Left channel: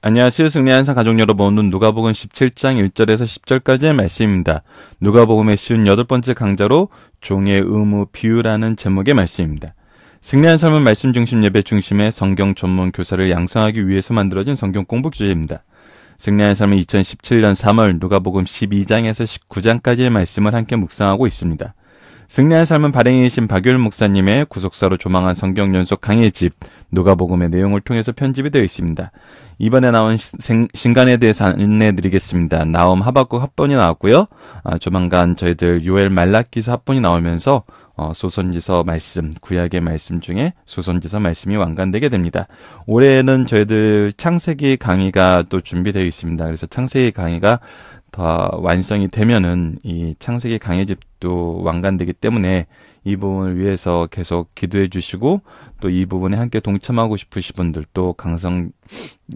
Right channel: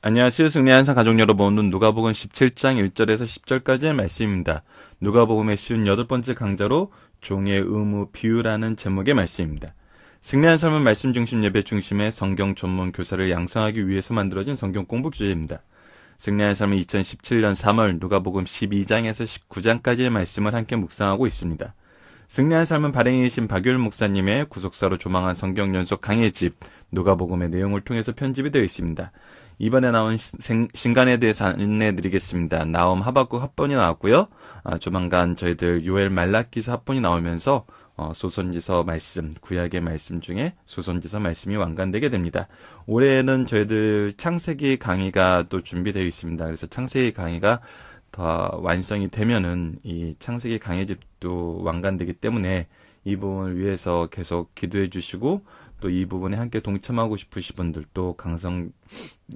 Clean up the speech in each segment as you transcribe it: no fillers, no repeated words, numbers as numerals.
안녕하세요. 승리의 한상 가족 여러분. 오늘은 누가복음 17장 1절에서 10절까지의 말씀입니다. 누가복음의 쉬운 8번째 강좌로 종의 의무 비유라는 제목의 말씀입니다. 승리한 삶은 말씀 중심 예배 중심의 성경 전문 교사를 양성하기 위해서 만들어진 성경 공부 주제입니다. 승리한 삶은 2017년 3월 누가복음 12장에서 19장까지의 말씀을 함께 묵상하고 있습니다. 승리한 삶은 발행이신 박율 목사님의 구속사로 조망한 성경 연속 강해집 누가복음의 내용을 통해서 편집이 되어 있습니다. 이번에 나온 신간에 대해서 안내해드리겠습니다. 나움 하박국 합본이 나왔고요. 조만간 저희들 요엘 말라기서 합본이 나오면서 소선지서 말씀, 구약의 말씀 중에 소선지서 말씀이 완간되게 됩니다. 올해는 저희들 창세기 강의가 또 준비되어 있습니다. 그래서 창세기 강의가 더 완성이 되면은 이 창세기 강해집도 완간되기 때문에 이 부분을 위해서 계속 기도해 주시고 또 이 부분에 함께 동참하고 싶으신 분들 또 강성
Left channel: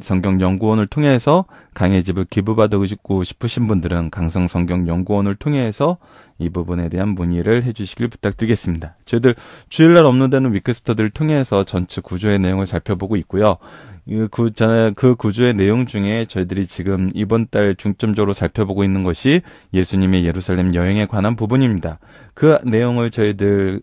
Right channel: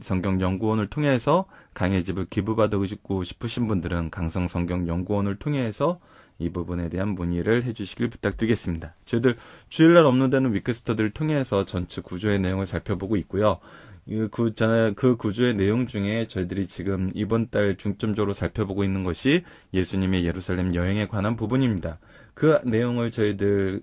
성경 연구원을 통해서 강해집을 기부받고 싶으신 분들은 강성 성경 연구원을 통해서 이 부분에 대한 문의를 해주시길 부탁드리겠습니다. 저희들 주일날 업로드되는 위크스터들을 통해서 전체 구조의 내용을 살펴보고 있고요. 그 구조의 내용 중에 저희들이 지금 이번 달 중점적으로 살펴보고 있는 것이 예수님의 예루살렘 여행에 관한 부분입니다. 그 내용을 저희들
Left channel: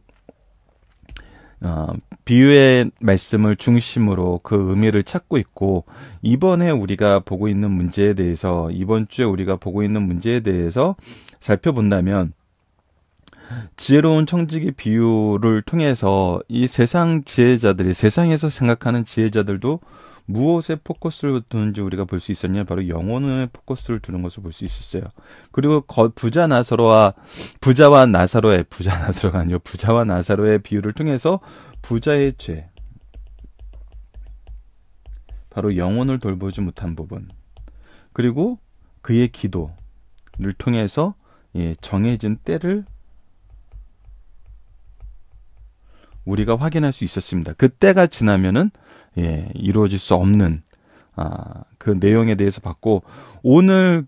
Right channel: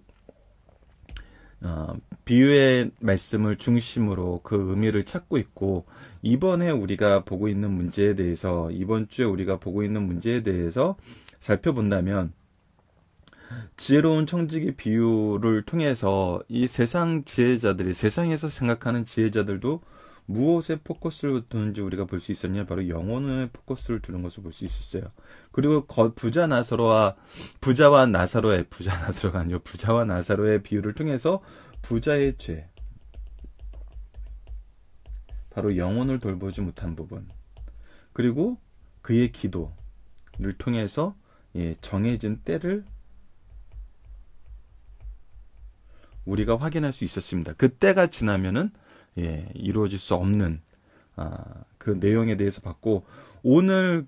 비유의 말씀을 중심으로 그 의미를 찾고 있고, 이번에 우리가 보고 있는 문제에 대해서, 이번 주에 우리가 보고 있는 문제에 대해서 살펴본다면, 지혜로운 청지기 비유를 통해서 이 세상 지혜자들이, 세상에서 생각하는 지혜자들도 무엇에 포커스를 두는지 우리가 볼 수 있었냐? 바로 영혼에 포커스를 두는 것을 볼 수 있었어요. 그리고 부자와 나사로의 비유를 통해서 부자의 죄, 바로 영혼을 돌보지 못한 부분, 그리고 그의 기도를 통해서 정해진 때를 우리가 확인할 수 있었습니다. 그 때가 지나면은 이루어질 수 없는 그 내용에 대해서 봤고, 오늘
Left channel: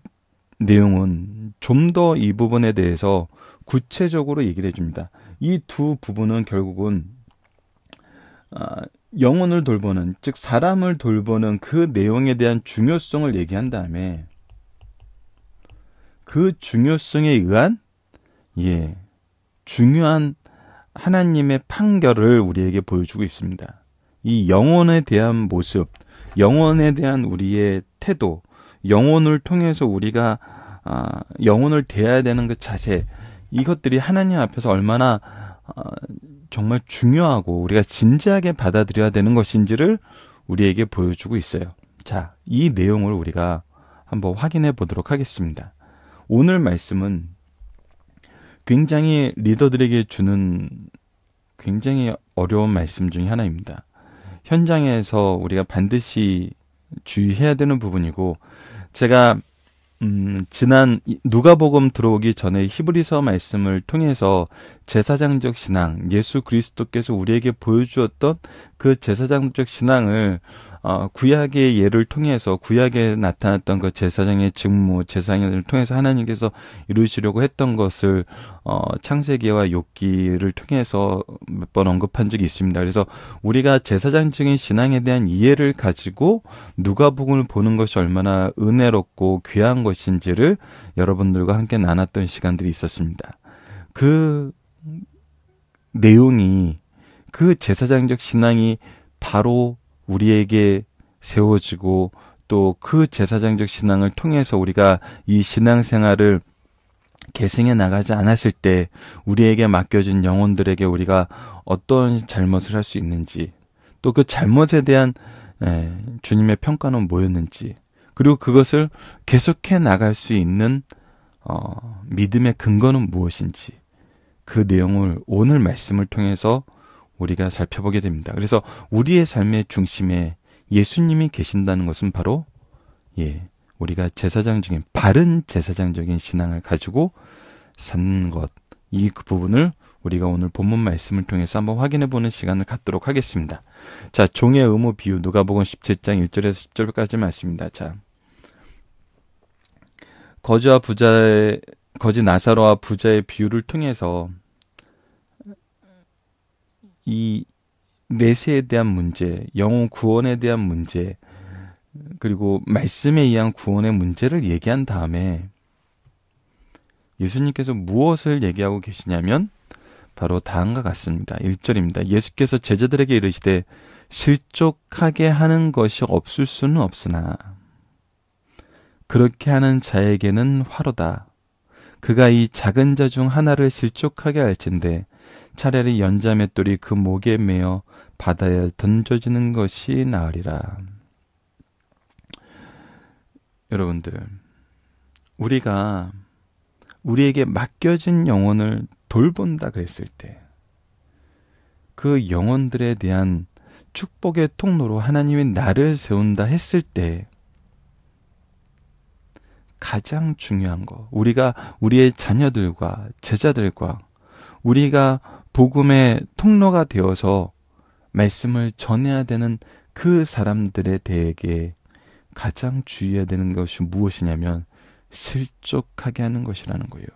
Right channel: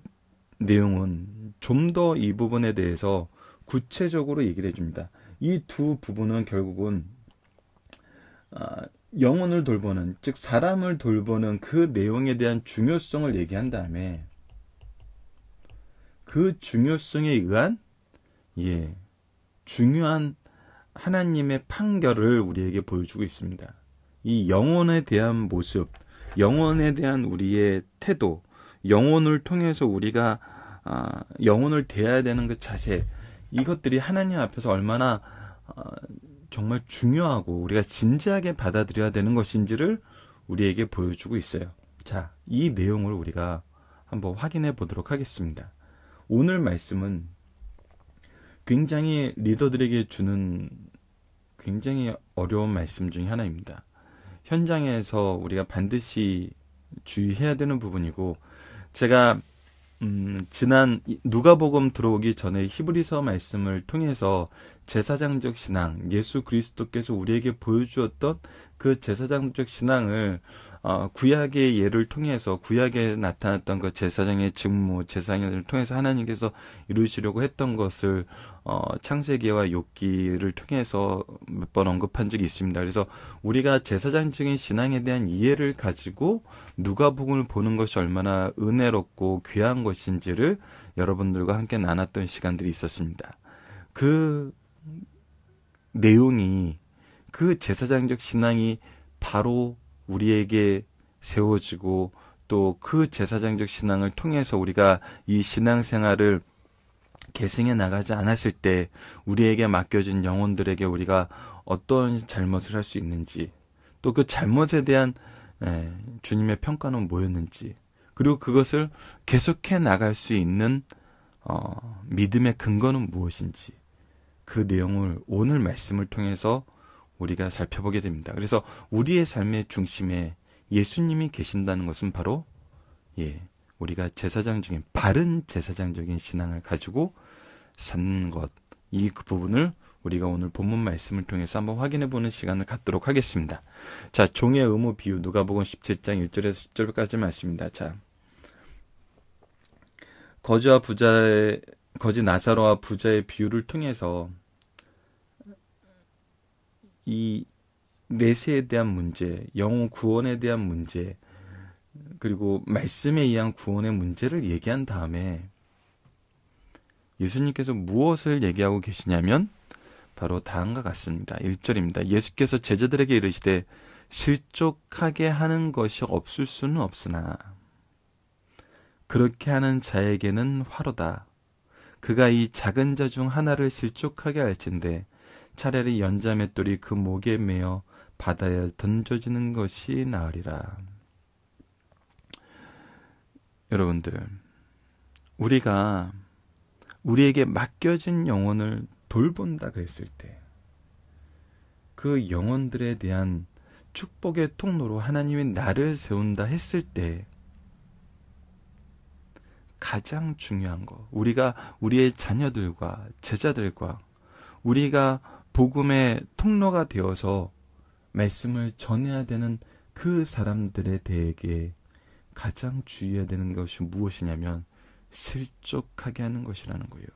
내용은 좀 더 이 부분에 대해서 구체적으로 얘기를 해줍니다. 이 두 부분은 결국은 영혼을 돌보는, 즉 사람을 돌보는 그 내용에 대한 중요성을 얘기한 다음에 그 중요성에 의한 중요한 하나님의 판결을 우리에게 보여주고 있습니다. 이 영혼에 대한 모습, 영혼에 대한 우리의 태도, 영혼을 통해서 우리가 영혼을 대해야 되는 그 자세, 이것들이 하나님 앞에서 얼마나 정말 중요하고 우리가 진지하게 받아들여야 되는 것인지를 우리에게 보여주고 있어요. 자, 이 내용을 우리가 한번 확인해 보도록 하겠습니다. 오늘 말씀은 굉장히 리더들에게 주는 굉장히 어려운 말씀 중에 하나입니다. 현장에서 우리가 반드시 주의해야 되는 부분이고, 제가 지난 누가복음 들어오기 전에 히브리서 말씀을 통해서 제사장적 신앙, 예수 그리스도께서 우리에게 보여주었던 그 제사장적 신앙을 구약의 예를 통해서, 구약에 나타났던 그 제사장의 직무, 제사장을 통해서 하나님께서 이루시려고 했던 것을 창세기와 욥기를 통해서 몇 번 언급한 적이 있습니다. 그래서 우리가 제사장적인 신앙에 대한 이해를 가지고 누가복음을 보는 것이 얼마나 은혜롭고 귀한 것인지를 여러분들과 함께 나눴던 시간들이 있었습니다. 그 내용이, 그 제사장적 신앙이 바로 우리에게 세워지고, 또 그 제사장적 신앙을 통해서 우리가 이 신앙생활을 계승해 나가지 않았을 때 우리에게 맡겨진 영혼들에게 우리가 어떤 잘못을 할 수 있는지, 또 그 잘못에 대한 주님의 평가는 뭐였는지, 그리고 그것을 계속해 나갈 수 있는 믿음의 근거는 무엇인지, 그 내용을 오늘 말씀을 통해서 우리가 살펴보게 됩니다. 그래서 우리의 삶의 중심에 예수님이 계신다는 것은 바로 우리가 제사장적인, 바른 제사장적인 신앙을 가지고 사는 것, 이 부분을 우리가 오늘 본문 말씀을 통해서 한번 확인해 보는 시간을 갖도록 하겠습니다. 자, 종의 의무 비유, 누가복음 17장 1절에서 10절까지 말씀입니다. 자, 거지 나사로와 부자의 비유를 통해서 이 내세에 대한 문제, 영혼 구원에 대한 문제, 그리고 말씀에 의한 구원의 문제를 얘기한 다음에 예수님께서 무엇을 얘기하고 계시냐면 바로 다음과 같습니다. 1절입니다. 예수께서 제자들에게 이르시되 실족하게 하는 것이 없을 수는 없으나 그렇게 하는 자에게는 화로다. 그가 이 작은 자 중 하나를 실족하게 할진대 차라리 연자 맷돌이 그 목에 매어 바다에 던져지는 것이 나으리라. 여러분들, 우리가 우리에게 맡겨진 영혼을 돌본다 그랬을 때 그 영혼들에 대한 축복의 통로로 하나님이 나를 세운다 했을 때 가장 중요한 거, 우리가 우리의 자녀들과 제자들과 우리가 복음의 통로가 되어서 말씀을 전해야 되는 그 사람들에 대해 가장 주의해야 되는 것이 무엇이냐면 실족하게 하는 것이라는 거예요.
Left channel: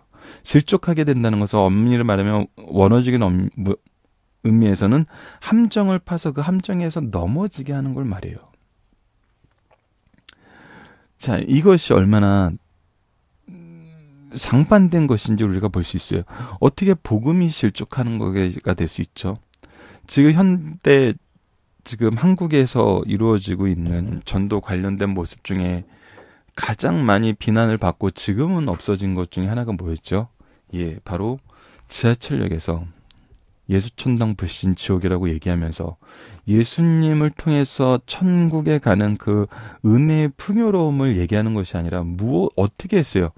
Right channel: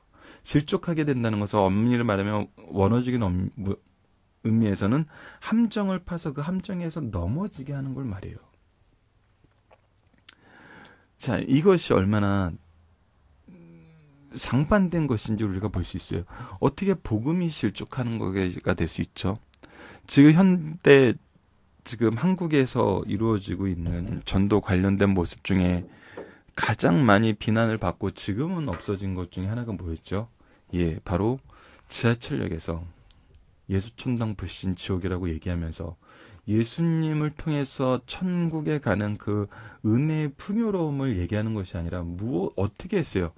실족하게 된다는 것은 엄밀히 말하면 원어적인 의미에서는 함정을 파서 그 함정에서 넘어지게 하는 걸 말해요. 자, 이것이 얼마나 상반된 것인지 우리가 볼 수 있어요. 어떻게 복음이 실족하는 거가 될 수 있죠? 지금 한국에서 이루어지고 있는 전도 관련된 모습 중에 가장 많이 비난을 받고 지금은 없어진 것 중에 하나가 뭐였죠? 예, 바로 지하철역에서 예수천당 불신 지옥이라고 얘기하면서 예수님을 통해서 천국에 가는 그 은혜의 풍요로움을 얘기하는 것이 아니라 어떻게 했어요?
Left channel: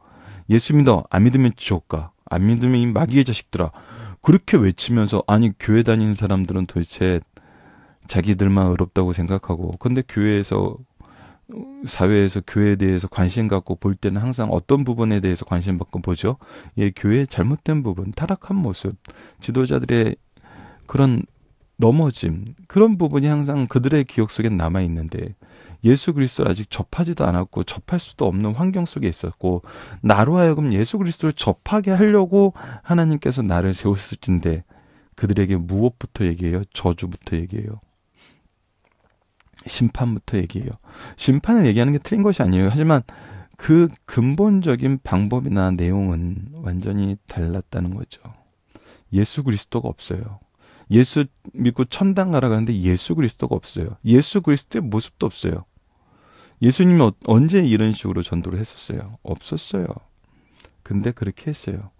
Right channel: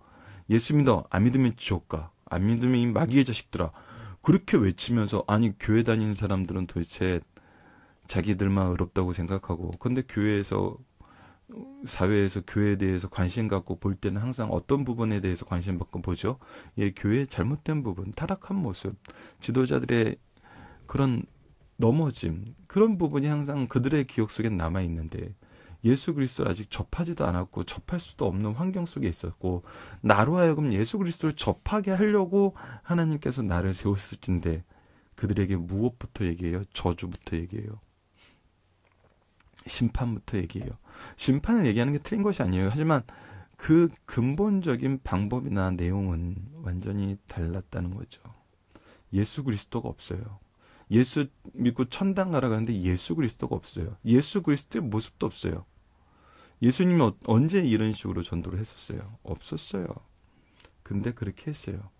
예수 믿어, 안 믿으면 지옥 가, 안 믿으면 이 마귀의 자식들아, 그렇게 외치면서, 아니 교회 다니는 사람들은 도대체 자기들만 의롭다고 생각하고, 근데 사회에서 교회에 대해서 관심 갖고 볼 때는 항상 어떤 부분에 대해서 관심 받고 보죠? 예, 교회의 잘못된 부분, 타락한 모습, 지도자들의 그런 넘어짐, 그런 부분이 항상 그들의 기억 속에 남아있는데, 예수 그리스도를 아직 접하지도 않았고 접할 수도 없는 환경 속에 있었고, 나로 하여금 예수 그리스도를 접하게 하려고 하나님께서 나를 세우셨을진데 그들에게 무엇부터 얘기해요? 저주부터 얘기해요. 심판부터 얘기해요. 심판을 얘기하는 게 틀린 것이 아니에요. 하지만 그 근본적인 방법이나 내용은 완전히 달랐다는 거죠. 예수 그리스도가 없어요. 예수 믿고 천당 가라 가는데 예수 그리스도가 없어요. 예수 그리스도의 모습도 없어요. 예수님이 언제 이런 식으로 전도를 했었어요? 없었어요. 근데 그렇게 했어요.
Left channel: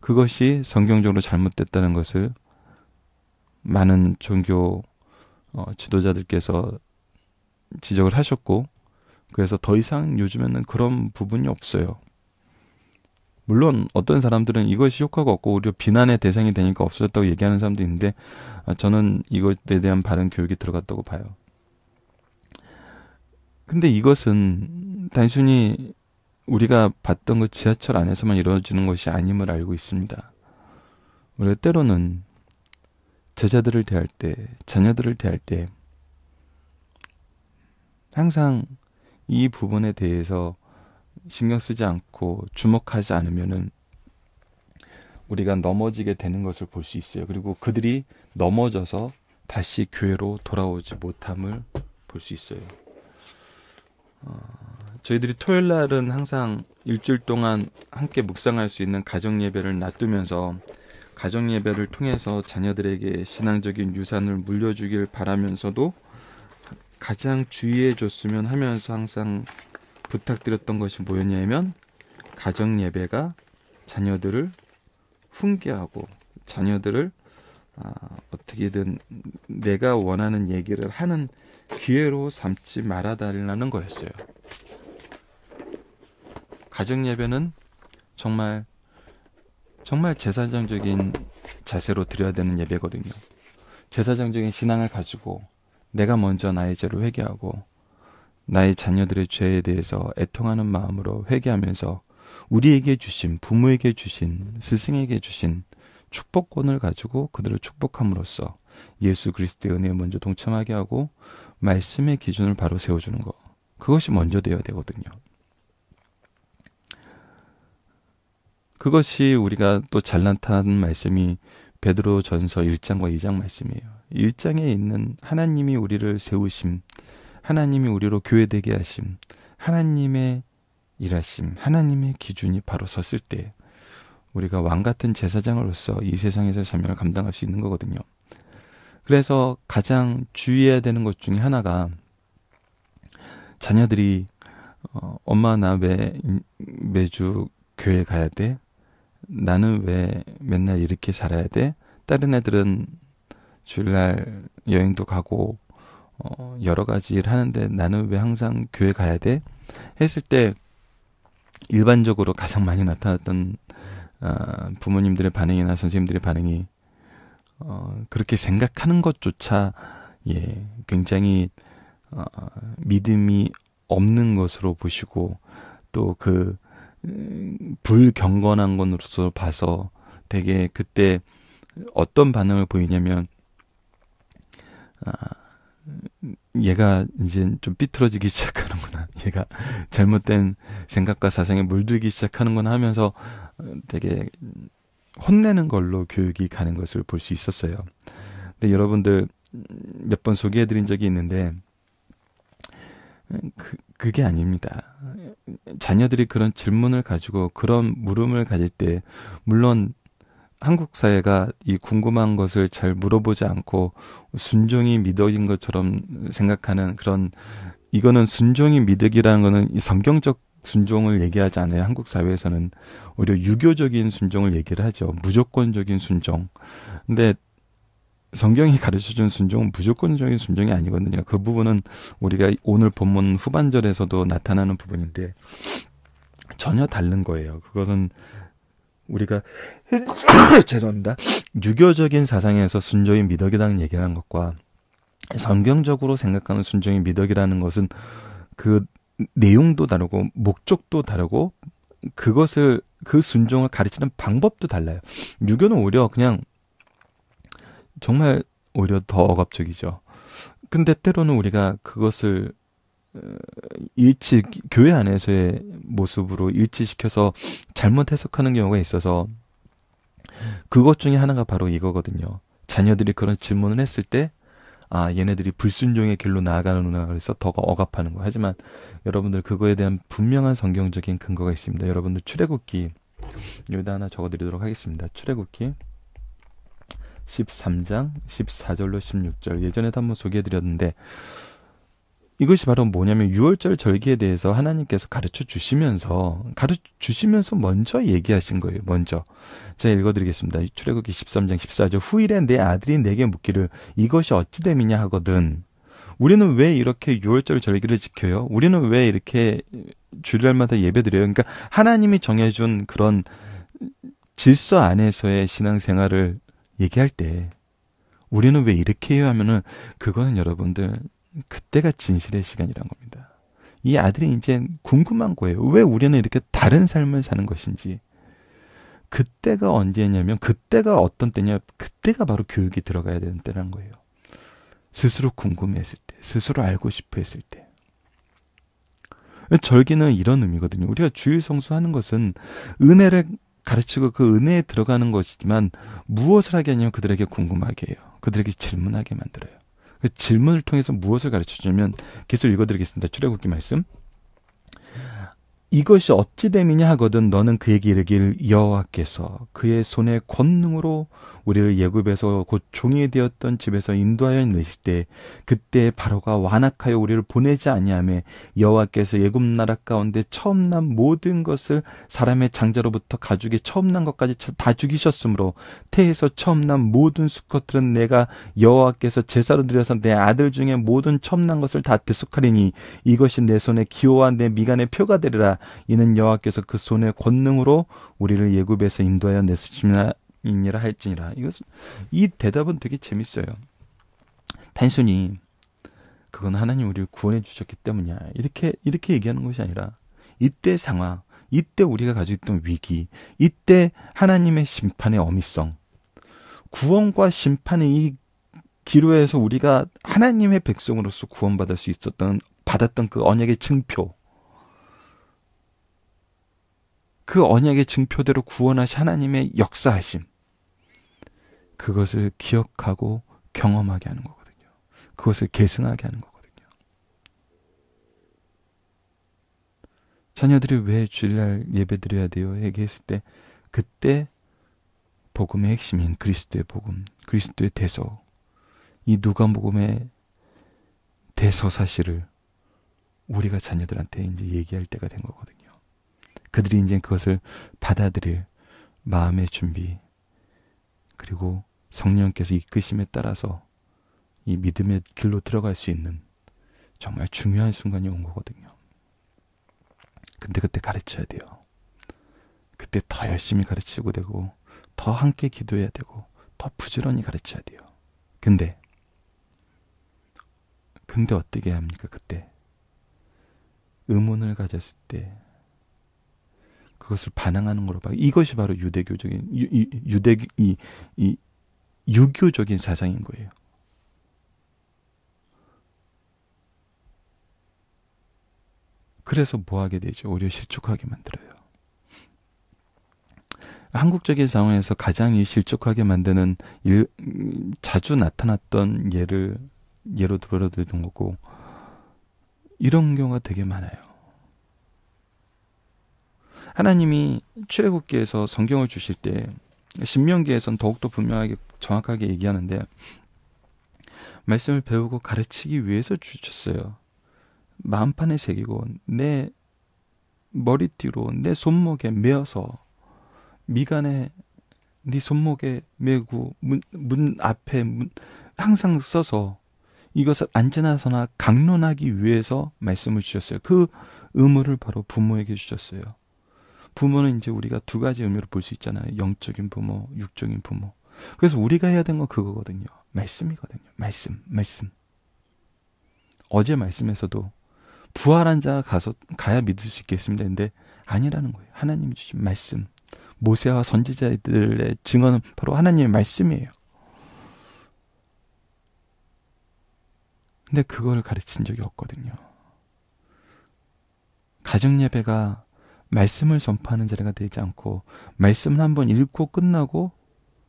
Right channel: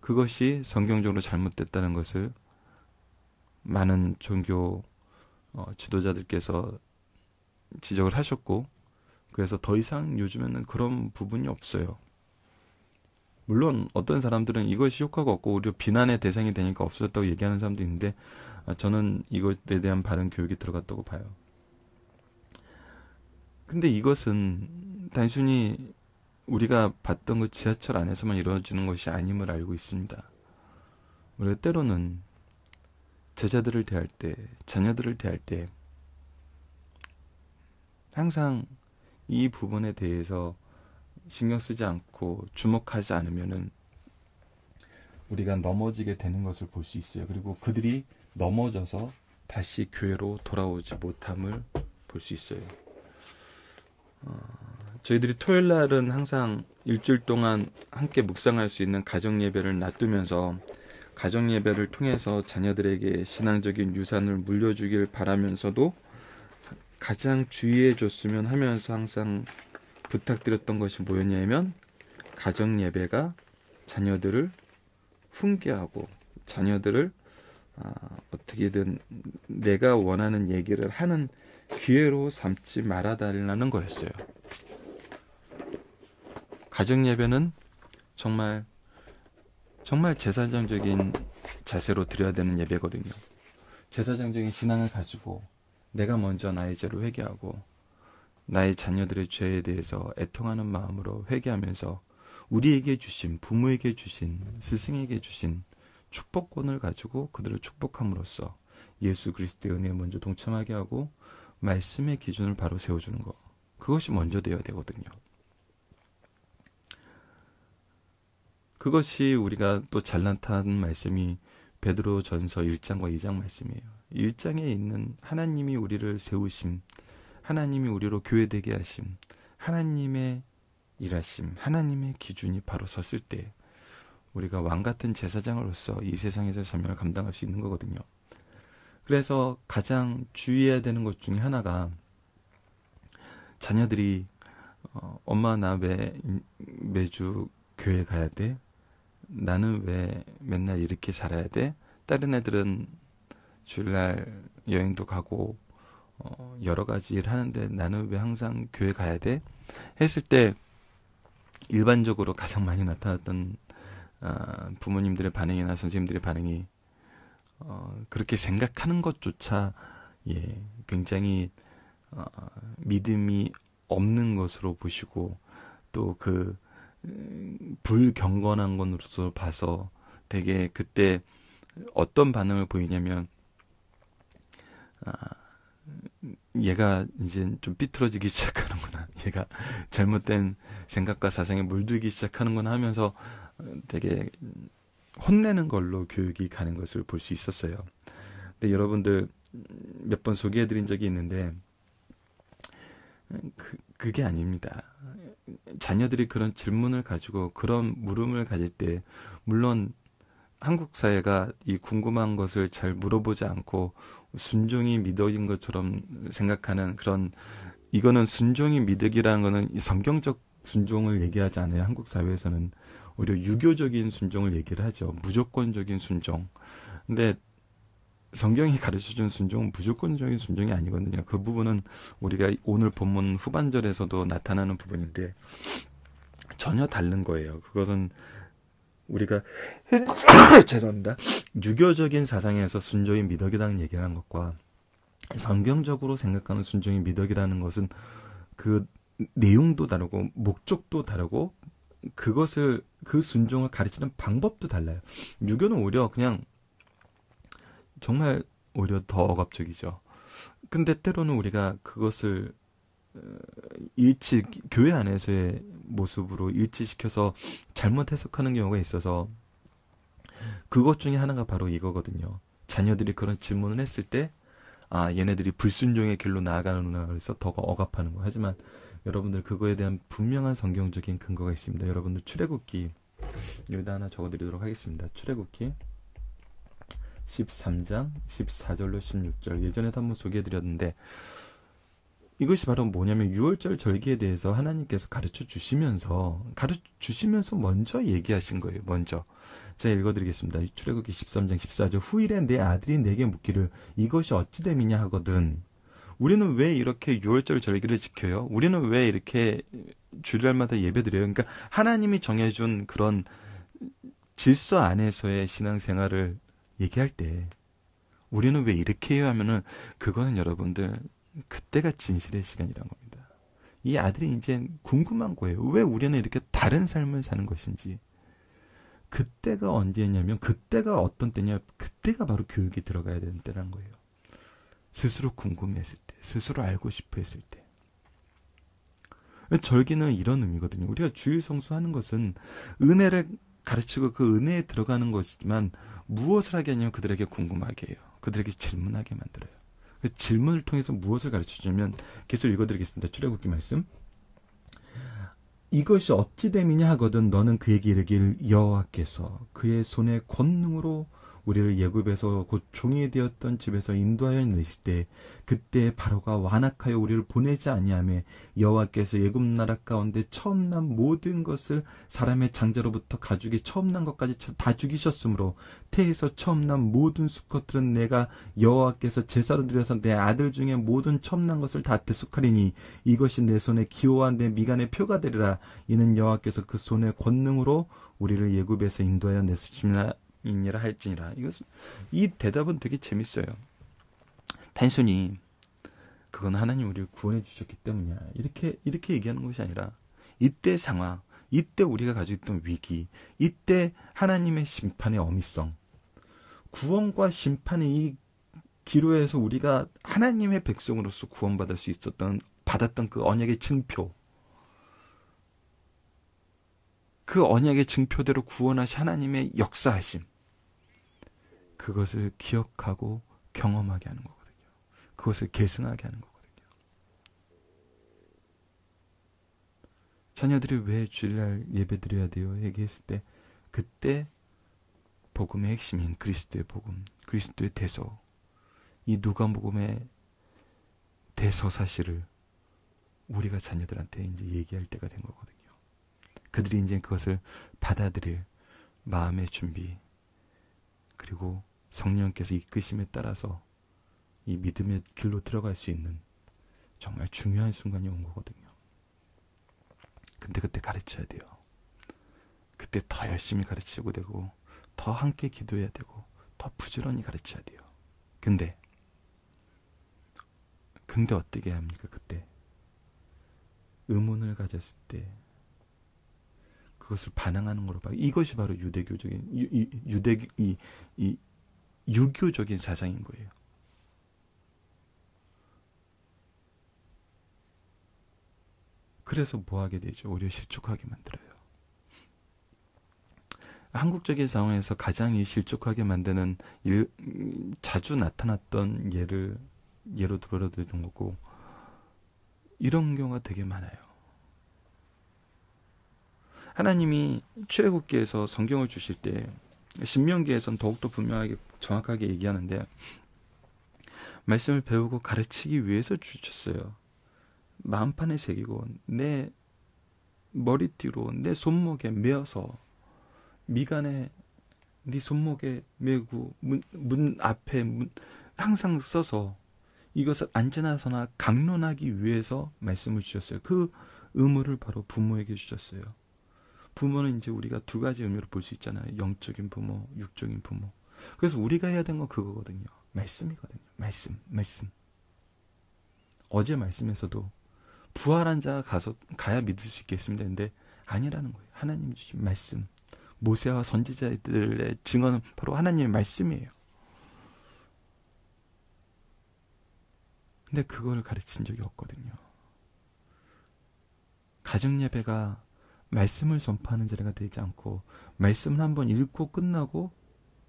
그것이 성경적으로 잘못됐다는 것을 많은 종교 지도자들께서 지적을 하셨고, 그래서 더 이상 요즘에는 그런 부분이 없어요. 물론 어떤 사람들은 이것이 효과가 없고 오히려 비난의 대상이 되니까 없어졌다고 얘기하는 사람도 있는데, 저는 이것에 대한 바른 교육이 들어갔다고 봐요. 근데 이것은 단순히 우리가 봤던 그 지하철 안에서만 이루어지는 것이 아님을 알고 있습니다. 우리가 때로는 제자들을 대할 때, 자녀들을 대할 때 항상 이 부분에 대해서 신경 쓰지 않고 주목하지 않으면은 우리가 넘어지게 되는 것을 볼 수 있어요. 그리고 그들이 넘어져서 다시 교회로 돌아오지 못함을 볼 수 있어요. 저희들이 토요일 날은 항상 일주일 동안 함께 묵상할 수 있는 가정 예배를 놔두면서 가정 예배를 통해서 자녀들에게 신앙적인 유산을 물려주길 바라면서도 가장 주의해 줬으면 하면서 항상 부탁드렸던 것이 뭐였냐면, 가정 예배가 자녀들을 훈계하고 자녀들을 어떻게든 내가 원하는 얘기를 하는 기회로 삼지 말아달라는 거였어요. 가정 예배는 정말 제사장적인 자세로 드려야 되는 예배거든요. 제사장적인 신앙을 가지고 내가 먼저 나의 죄를 회개하고 나의 자녀들의 죄에 대해서 애통하는 마음으로 회개하면서 우리에게 주신, 부모에게 주신, 스승에게 주신 축복권을 가지고 그들을 축복함으로써 예수 그리스도의 은혜에 먼저 동참하게 하고 말씀의 기준을 바로 세워주는 것, 그것이 먼저 되어야 되거든요. 그것이 우리가 또 잘 나타나는 말씀이 베드로전서 1장과 2장 말씀이에요. 1장에 있는 하나님이 우리를 세우심, 하나님이 우리로 교회되게 하심, 하나님의 일하심, 하나님의 기준이 바로 섰을 때 우리가 왕같은 제사장으로서 이 세상에서 사명을 감당할 수 있는 거거든요. 그래서 가장 주의해야 되는 것 중에 하나가 자녀들이 엄마 나 왜 매주 교회 가야 돼? 나는 왜 맨날 이렇게 살아야 돼? 다른 애들은 주일날 여행도 가고 여러 가지 일 하는데 나는 왜 항상 교회 가야 돼? 했을 때 일반적으로 가장 많이 나타났던 부모님들의 반응이나 선생님들의 반응이 그렇게 생각하는 것조차 굉장히 믿음이 없는 것으로 보시고 또 그 불경건한 것으로서 봐서 되게 그때 어떤 반응을 보이냐면 얘가 이제 좀 삐뚤어지기 시작하는구나. 얘가 잘못된 생각과 사상에 물들기 시작하는구나 하면서 되게 혼내는 걸로 교육이 가는 것을 볼 수 있었어요. 근데 여러분들 몇 번 소개해드린 적이 있는데 그게 아닙니다. 자녀들이 그런 질문을 가지고 그런 물음을 가질 때 물론 한국 사회가 이 궁금한 것을 잘 물어보지 않고 순종이 미덕인 것처럼 생각하는 그런 이거는 순종이 미덕이라는 거는 이 성경적 순종을 얘기하지 않아요. 한국 사회에서는 오히려 유교적인 순종을 얘기를 하죠. 무조건적인 순종. 근데 성경이 가르쳐준 순종은 무조건적인 순종이 아니거든요. 그 부분은 우리가 오늘 본문 후반절에서도 나타나는 부분인데 전혀 다른 거예요. 그것은 우리가 죄송합니다. 유교적인 사상에서 순종이 미덕이라는 얘기를 하는 것과 성경적으로 생각하는 순종이 미덕이라는 것은 그 내용도 다르고 목적도 다르고 그것을 그 순종을 가르치는 방법도 달라요. 유교는 오히려 그냥 정말 오히려 더 억압적이죠. 근데 때로는 우리가 그것을 교회 안에서의 모습으로 일치시켜서 잘못 해석하는 경우가 있어서 그것 중에 하나가 바로 이거거든요. 자녀들이 그런 질문을 했을 때 얘네들이 불순종의 길로 나아가는구나 그래서 더 억압하는 거. 하지만 여러분들 그거에 대한 분명한 성경적인 근거가 있습니다. 여러분들 출애굽기 여기다 하나 적어드리도록 하겠습니다. 출애굽기 13장 14절로 16절 예전에도 한번 소개해드렸는데 이것이 바로 뭐냐면 유월절 절기에 대해서 하나님께서 가르쳐 주시면서 먼저 얘기하신 거예요. 먼저 제가 읽어드리겠습니다. 출애굽기 13장 14절 후일에 내 아들이 내게 묻기를 이것이 어찌 됨이냐 하거든. 우리는 왜 이렇게 유월절 절기를 지켜요? 우리는 왜 이렇게 주일날마다 예배드려요? 그러니까 하나님이 정해준 그런 질서 안에서의 신앙생활을 얘기할 때 우리는 왜 이렇게 해요 하면은 그거는 여러분들 그때가 진실의 시간이란 겁니다. 이 아들이 이제 궁금한 거예요. 왜 우리는 이렇게 다른 삶을 사는 것인지. 그때가 언제냐면 그때가 어떤 때냐. 그때가 바로 교육이 들어가야 되는 때라는 거예요. 스스로 궁금했을 때, 스스로 알고 싶어 했을 때. 절기는 이런 의미거든요. 우리가 주일 성수하는 것은 은혜를 가르치고 그 은혜에 들어가는 것이지만 무엇을 하게 하냐면 그들에게 궁금하게 해요. 그들에게 질문하게 만들어요. 그 질문을 통해서 무엇을 가르쳐주냐면 계속 읽어드리겠습니다. 출애굽기 말씀. 이것이 어찌 됨이냐 하거든 너는 그에게 이르기를 여호와께서 그의 손의 권능으로 우리를 애굽에서 곧 종이 되었던 집에서 인도하여 내실 때 그때 바로가 완악하여 우리를 보내지 아니하며 여호와께서 애굽 나라 가운데 처음 난 모든 것을 사람의 장자로부터 가죽이 처음 난 것까지 다 죽이셨으므로 태에서 처음 난 모든 수컷들은 내가 여호와께서 제사로 드려서 내 아들 중에 모든 처음 난 것을 다 대속하리니 이것이 내 손의 기호와 내 미간의 표가 되리라. 이는 여호와께서 그 손의 권능으로 우리를 애굽에서 인도하여 내시니라 할지니라. 이 대답은 되게 재밌어요. 단순히 그건 하나님 우리를 구원해 주셨기 때문이야. 이렇게 얘기하는 것이 아니라 이때 상황, 이때 우리가 가지고 있던 위기, 이때 하나님의 심판의 어미성, 구원과 심판의 이 기로에서 우리가 하나님의 백성으로서 구원받을 수 받았던 그 언약의 증표, 그 언약의 증표대로 구원하신 하나님의 역사하심, 그것을 기억하고 경험하게 하는 거거든요. 그것을 계승하게 하는 거거든요. 자녀들이 왜 주일날 예배 드려야 돼요? 얘기했을 때 그때 복음의 핵심인 그리스도의 복음, 그리스도의 대서, 이 누가복음의 대서 사실을 우리가 자녀들한테 이제 얘기할 때가 된 거거든요. 그들이 이제 그것을 받아들일 마음의 준비, 그리고 성령께서 이끄심에 따라서 이 믿음의 길로 들어갈 수 있는 정말 중요한 순간이 온 거거든요. 근데 그때 가르쳐야 돼요. 그때 더 열심히 가르치고 되고, 더 함께 기도해야 되고, 더 부지런히 가르쳐야 돼요. 근데 어떻게 해야 합니까? 그때 의문을 가졌을 때 그것을 반항하는 거로 봐. 이것이 바로 유대교적인 유교적인 사상인 거예요. 그래서 뭐 하게 되죠? 오히려 실족하게 만들어요. 한국적인 상황에서 가장 실족하게 만드는 자주 나타났던 예로 들어드리던 거고, 이런 경우가 되게 많아요. 하나님이 출애굽기에서 성경을 주실 때 신명기에서는 더욱더 분명하게 정확하게 얘기하는데, 말씀을 배우고 가르치기 위해서 주셨어요. 마음판에 새기고 내 머리띠로 내 손목에 메어서 미간에 네 손목에 메고 문 앞에 항상 써서 이것을 안전하서나 강론하기 위해서 말씀을 주셨어요. 그 의무를 바로 부모에게 주셨어요. 부모는 이제 우리가 두 가지 의미로 볼 수 있잖아요. 영적인 부모, 육적인 부모. 그래서 우리가 해야 되는 건 그거거든요. 말씀이거든요. 말씀. 어제 말씀에서도 부활한 자가 가야 믿을 수 있겠습니다. 근데 아니라는 거예요. 하나님이 주신 말씀. 모세와 선지자들의 증언은 바로 하나님의 말씀이에요. 근데 그걸 가르친 적이 없거든요. 가정예배가 말씀을 전파하는 자리가 되지 않고, 말씀을 한번 읽고 끝나고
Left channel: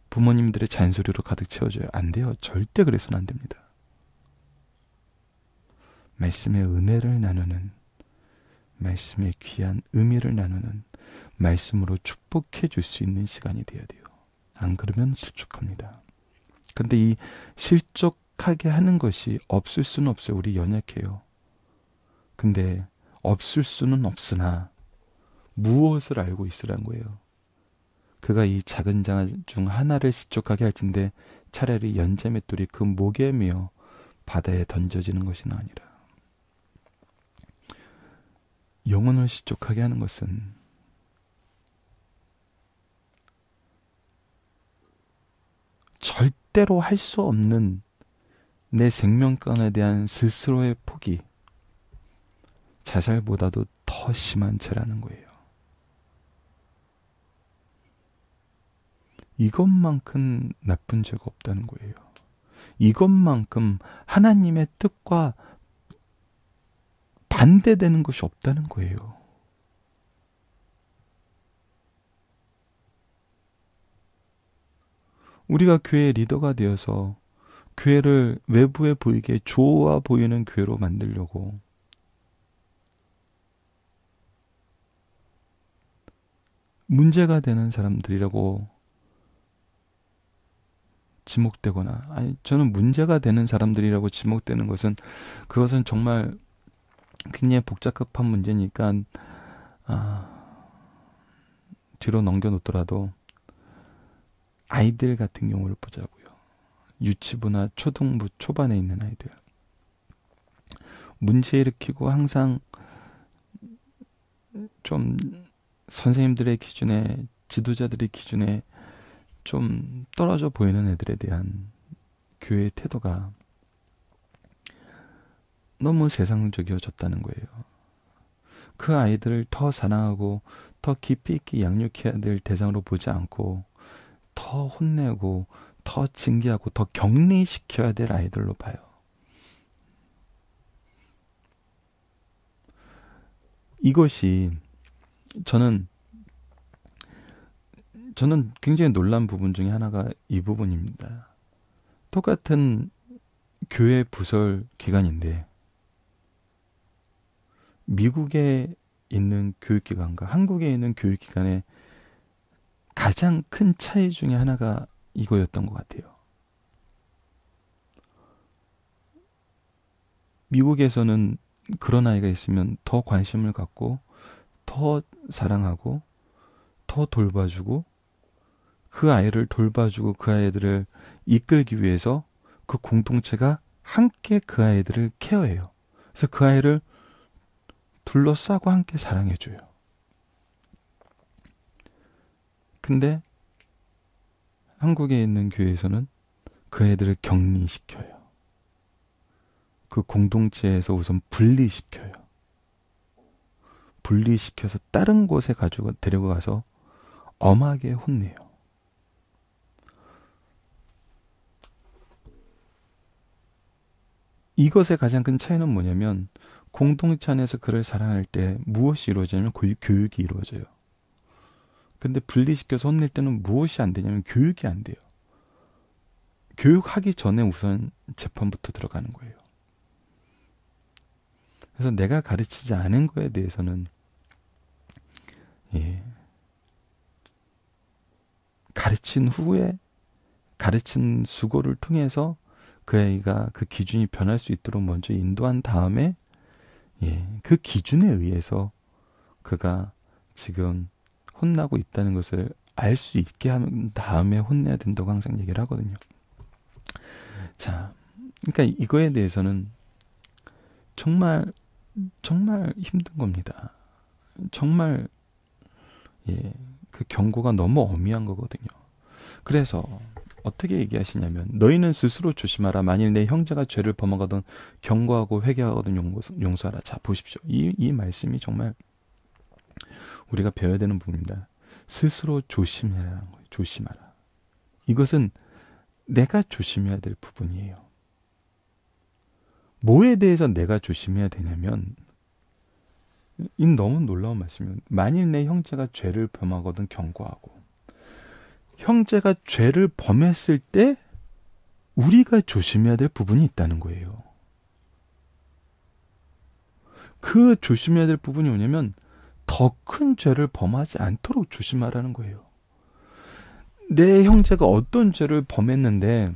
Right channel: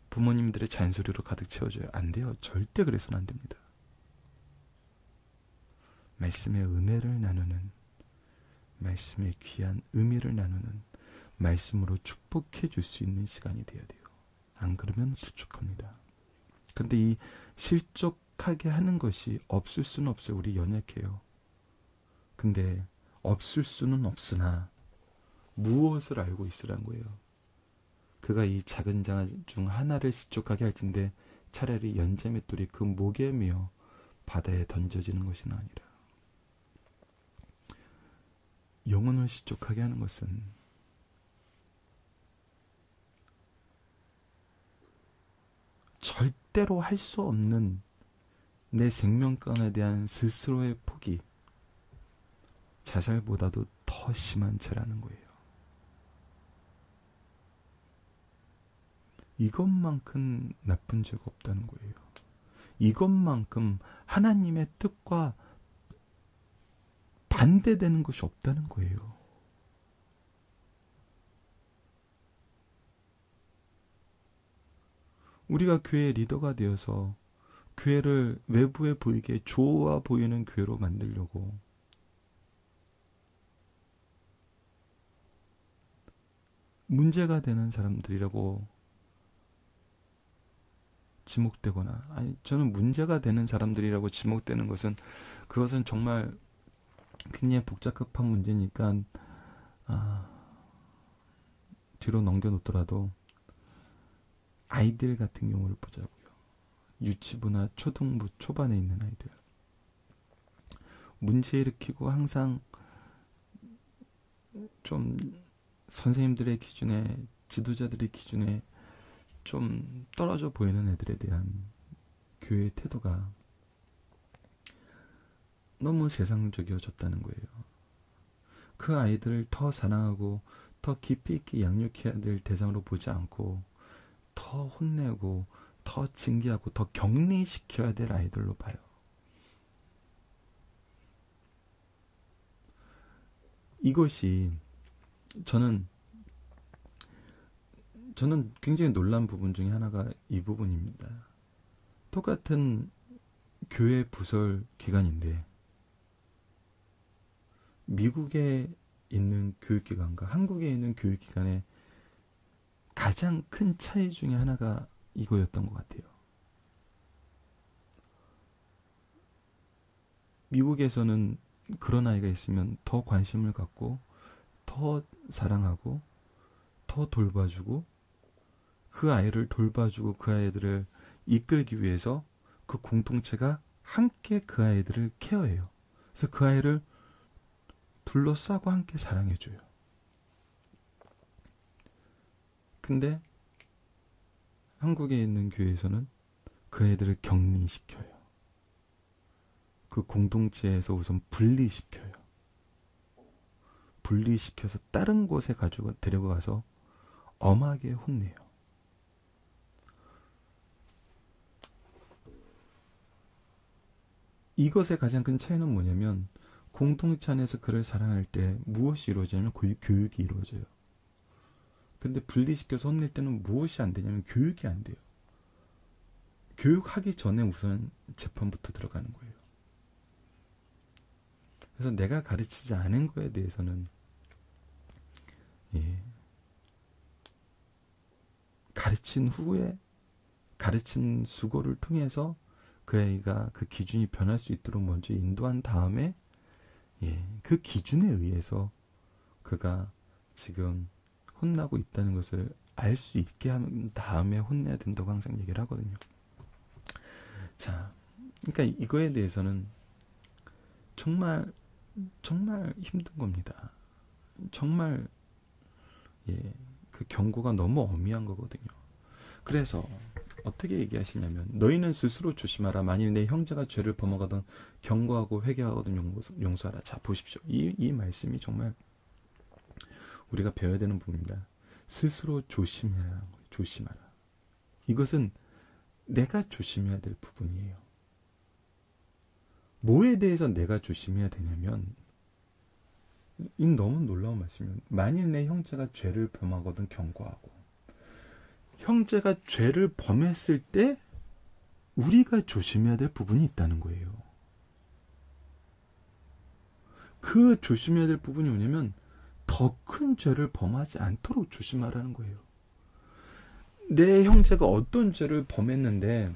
부모님들의 잔소리로 가득 채워져요. 안 돼요. 절대 그래서는 안 됩니다. 말씀의 은혜를 나누는, 말씀의 귀한 의미를 나누는, 말씀으로 축복해 줄 수 있는 시간이 되어야 돼요. 안 그러면 실족합니다. 근데 이 실족하게 하는 것이 없을 수는 없어요. 우리 연약해요. 근데 없을 수는 없으나 무엇을 알고 있으란 거예요. 그가 이 작은 자 중 하나를 실족하게 할진데 차라리 연자맷돌이 그 목에 매어 바다에 던져지는 것이나 아니라. 영혼을 실족하게 하는 것은 절대로 할 수 없는 내 생명권에 대한 스스로의 포기, 자살보다도 더 심한 죄라는 거예요. 이것만큼 나쁜 죄가 없다는 거예요. 이것만큼 하나님의 뜻과 반대되는 것이 없다는 거예요. 우리가 교회의 리더가 되어서 교회를 외부에 보이게 좋아 보이는 교회로 만들려고 문제가 되는 사람들이라고 지목되거나, 아니 저는 문제가 되는 사람들이라고 지목되는 것은, 그것은 정말 굉장히 복잡한 문제니까 뒤로 넘겨놓더라도 아이들 같은 경우를 보자고요. 유치부나 초등부 초반에 있는 아이들, 문제 일으키고 항상 좀 선생님들의 기준에, 지도자들의 기준에 좀 떨어져 보이는 애들에 대한 교회의 태도가 너무 세상적이어졌다는 거예요. 그 아이들을 더 사랑하고 더 깊이 있게 양육해야 될 대상으로 보지 않고, 더 혼내고 더 징계하고 더 격리시켜야 될 아이들로 봐요. 이것이 저는 굉장히 놀란 부분 중에 하나가 이 부분입니다. 똑같은 교회 부설 기관인데 미국의 있는 교육기관과 한국에 있는 교육기관의 가장 큰 차이 중에 하나가 이거였던 것 같아요. 미국에서는 그런 아이가 있으면 더 관심을 갖고 더 사랑하고 더 돌봐주고 그 아이를 돌봐주고 그 아이들을 이끌기 위해서 그 공동체가 함께 그 아이들을 케어해요. 그래서 그 아이를 둘러싸고 함께 사랑해줘요. 근데 한국에 있는 교회에서는 그 애들을 격리시켜요. 그 공동체에서 우선 분리시켜요. 분리시켜서 다른 곳에 가지고 데리고 가서 엄하게 혼내요. 이것의 가장 큰 차이는 뭐냐면 공동체 안에서 그를 사랑할 때 무엇이 이루어지냐면 교육이 이루어져요. 근데 분리시켜서 혼낼 때는 무엇이 안 되냐면 교육이 안 돼요. 교육하기 전에 우선 재판부터 들어가는 거예요. 그래서 내가 가르치지 않은 거에 대해서는 가르친 후에 가르친 수고를 통해서 그 아이가 그 기준이 변할 수 있도록 먼저 인도한 다음에 그 기준에 의해서 그가 지금 혼나고 있다는 것을 알 수 있게 한 다음에 혼내야 된다고 항상 얘기를 하거든요. 자, 그러니까 이거에 대해서는 정말 힘든 겁니다. 정말 그 경고가 너무 엄미한 거거든요. 그래서 어떻게 얘기하시냐면 너희는 스스로 조심하라. 만일 내 형제가 죄를 범하거든 경고하고 회개하거든 용서하라. 자, 보십시오. 이 말씀이 정말 우리가 배워야 되는 부분입니다. 스스로 조심해라는 거예요. 조심하라. 이것은 내가 조심해야 될 부분이에요. 뭐에 대해서 내가 조심해야 되냐면 이 너무 놀라운 말씀이에요. 만일 내 형제가 죄를 범하거든 경고하고 형제가 죄를 범했을 때 우리가 조심해야 될 부분이 있다는 거예요. 그 조심해야 될 부분이 뭐냐면 더 큰 죄를 범하지 않도록 조심하라는 거예요. 내 형제가 어떤 죄를 범했는데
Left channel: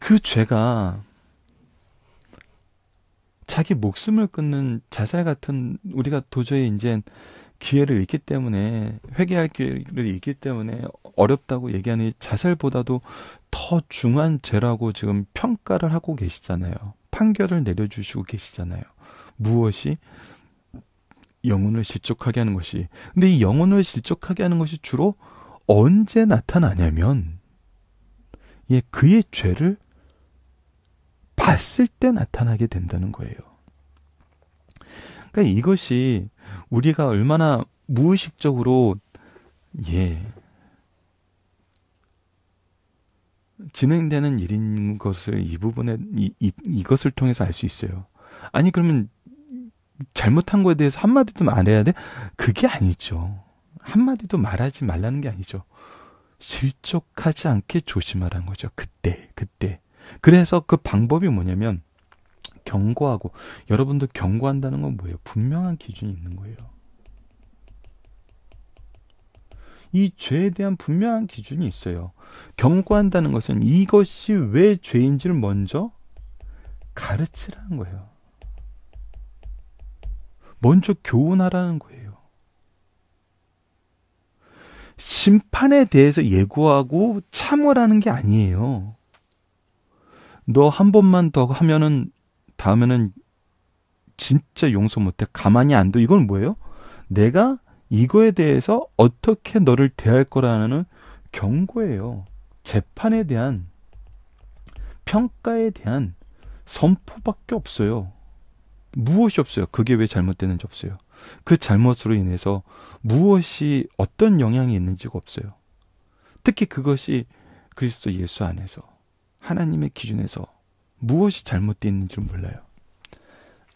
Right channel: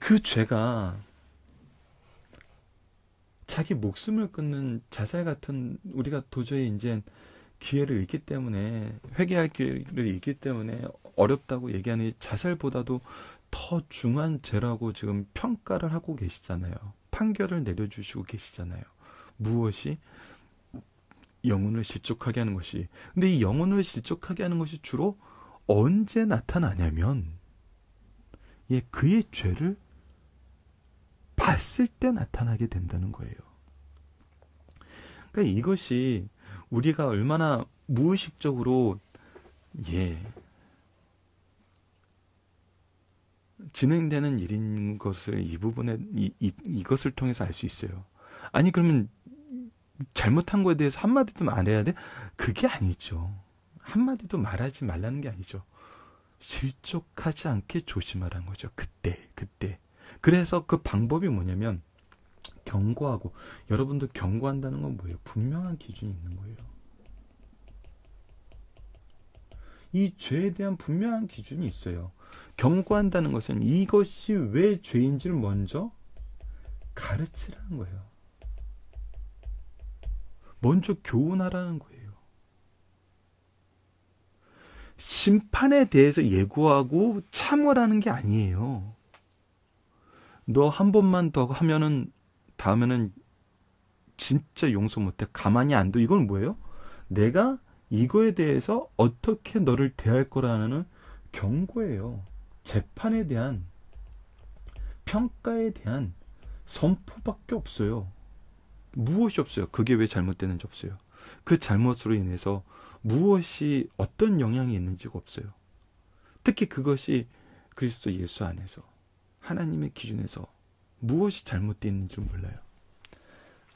그 죄가 자기 목숨을 끊는 자살 같은 우리가 도저히 이제 기회를 잃기 때문에 회개할 기회를 잃기 때문에 어렵다고 얘기하는 자살보다도 더 중한 죄라고 지금 평가를 하고 계시잖아요. 판결을 내려주시고 계시잖아요. 무엇이? 영혼을 실족하게 하는 것이. 근데 이 영혼을 실족하게 하는 것이 주로 언제 나타나냐면 그의 죄를 봤을 때 나타나게 된다는 거예요. 그러니까 이것이 우리가 얼마나 무의식적으로 진행되는 일인 것을 이 부분에 이것을 통해서 알 수 있어요. 아니 그러면 잘못한 거에 대해서 한마디도 말해야 돼? 그게 아니죠. 한마디도 말하지 말라는 게 아니죠. 실족하지 않게 조심하라는 거죠. 그때. 그래서 그 방법이 뭐냐면 경고하고, 여러분들 경고한다는 건 뭐예요? 분명한 기준이 있는 거예요. 이 죄에 대한 분명한 기준이 있어요. 경고한다는 것은 이것이 왜 죄인지를 먼저 가르치라는 거예요. 먼저 교훈하라는 거예요. 심판에 대해서 예고하고 참으라는 게 아니에요. 너 한 번만 더 하면은 다음에는 진짜 용서 못해. 가만히 안 둬. 이건 뭐예요? 내가 이거에 대해서 어떻게 너를 대할 거라는 경고예요. 재판에 대한, 평가에 대한 선포밖에 없어요. 무엇이 없어요. 그게 왜 잘못되는지 없어요. 그 잘못으로 인해서 무엇이 어떤 영향이 있는지가 없어요. 특히 그것이 그리스도 예수 안에서 하나님의 기준에서 무엇이 잘못되어 있는지를 몰라요.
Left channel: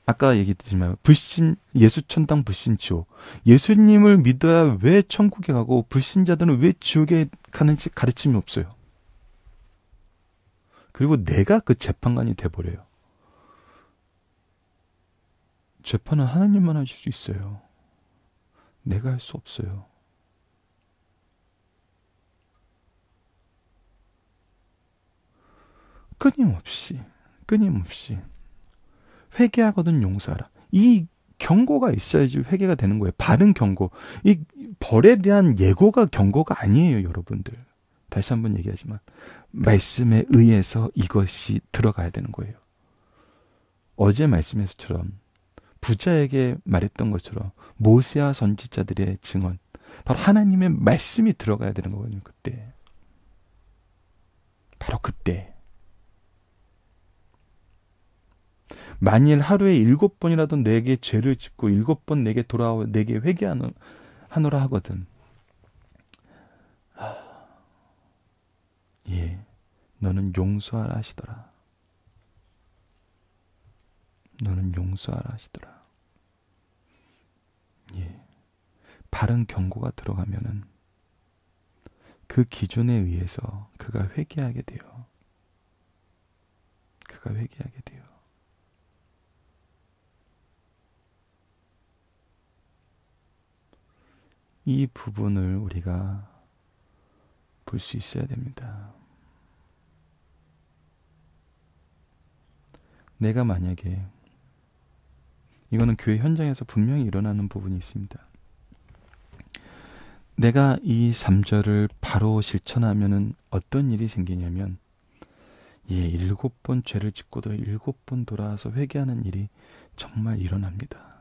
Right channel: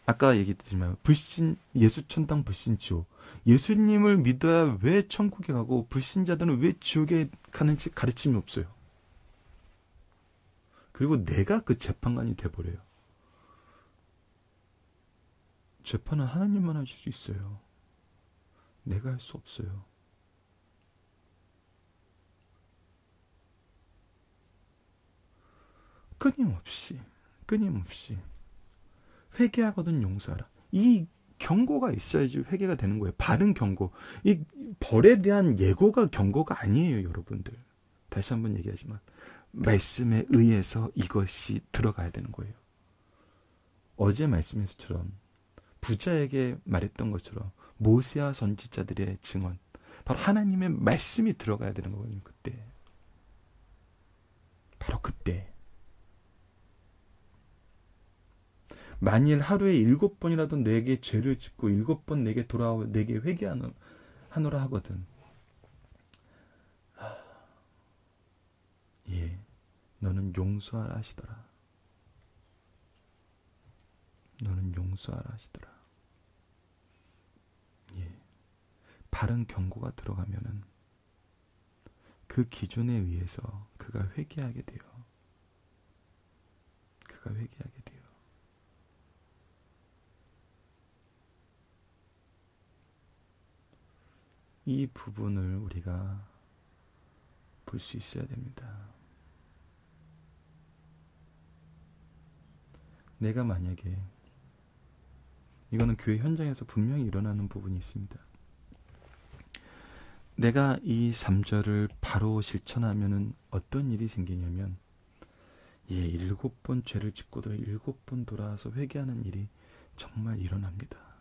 아까 얘기했지만 불신, 예수 천당 불신 지옥. 예수님을 믿어야 왜 천국에 가고 불신자들은 왜 지옥에 가는지 가르침이 없어요. 그리고 내가 그 재판관이 돼버려요. 재판은 하나님만 하실 수 있어요. 내가 할 수 없어요. 끊임없이 회개하거든 용서하라. 이 경고가 있어야지 회개가 되는 거예요. 바른 경고. 이 벌에 대한 예고가 경고가 아니에요, 여러분들. 다시 한번 얘기하지만 말씀에 의해서 이것이 들어가야 되는 거예요. 어제 말씀에서처럼 부자에게 말했던 것처럼 모세와 선지자들의 증언, 바로 하나님의 말씀이 들어가야 되는 거거든요. 그때. 바로 그때. 만일 하루에 7번이라도 내게 죄를 짓고 7번 내게 돌아와 내게 회개하노라 하거든. 예, 너는 용서하라 하시더라. 너는 용서하라 하시더라. 예, 바른 경고가 들어가면은 그 기준에 의해서 그가 회개하게 돼요. 그가 회개하게 돼요. 이 부분을 우리가 볼 수 있어야 됩니다. 내가 만약에 이거는 교회 현장에서 분명히 일어나는 부분이 있습니다. 내가 이 3절을 바로 실천하면은 어떤 일이 생기냐면 7번 죄를 짓고도 7번 돌아와서 회개하는 일이 정말 일어납니다.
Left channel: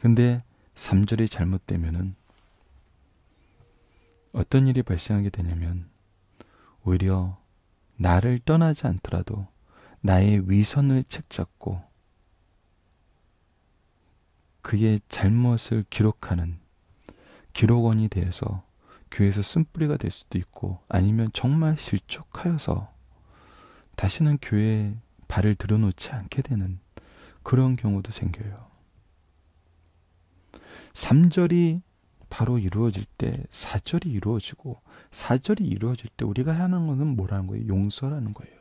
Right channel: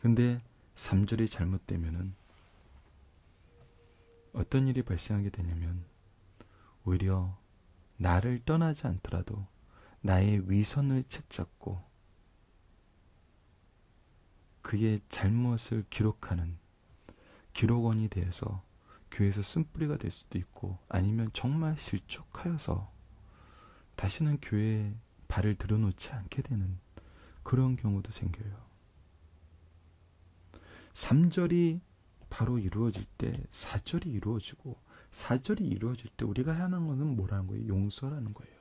근데 3절이 잘못되면은 어떤 일이 발생하게 되냐면 오히려 나를 떠나지 않더라도 나의 위선을 책잡고 그의 잘못을 기록하는 기록원이 되어서 교회에서 쓴뿌리가 될 수도 있고, 아니면 정말 실족하여서 다시는 교회에 발을 들여놓지 않게 되는 그런 경우도 생겨요. 3절이 바로 이루어질 때 4절이 이루어지고, 4절이 이루어질 때 우리가 하는 것은 뭐라는 거예요? 용서라는 거예요.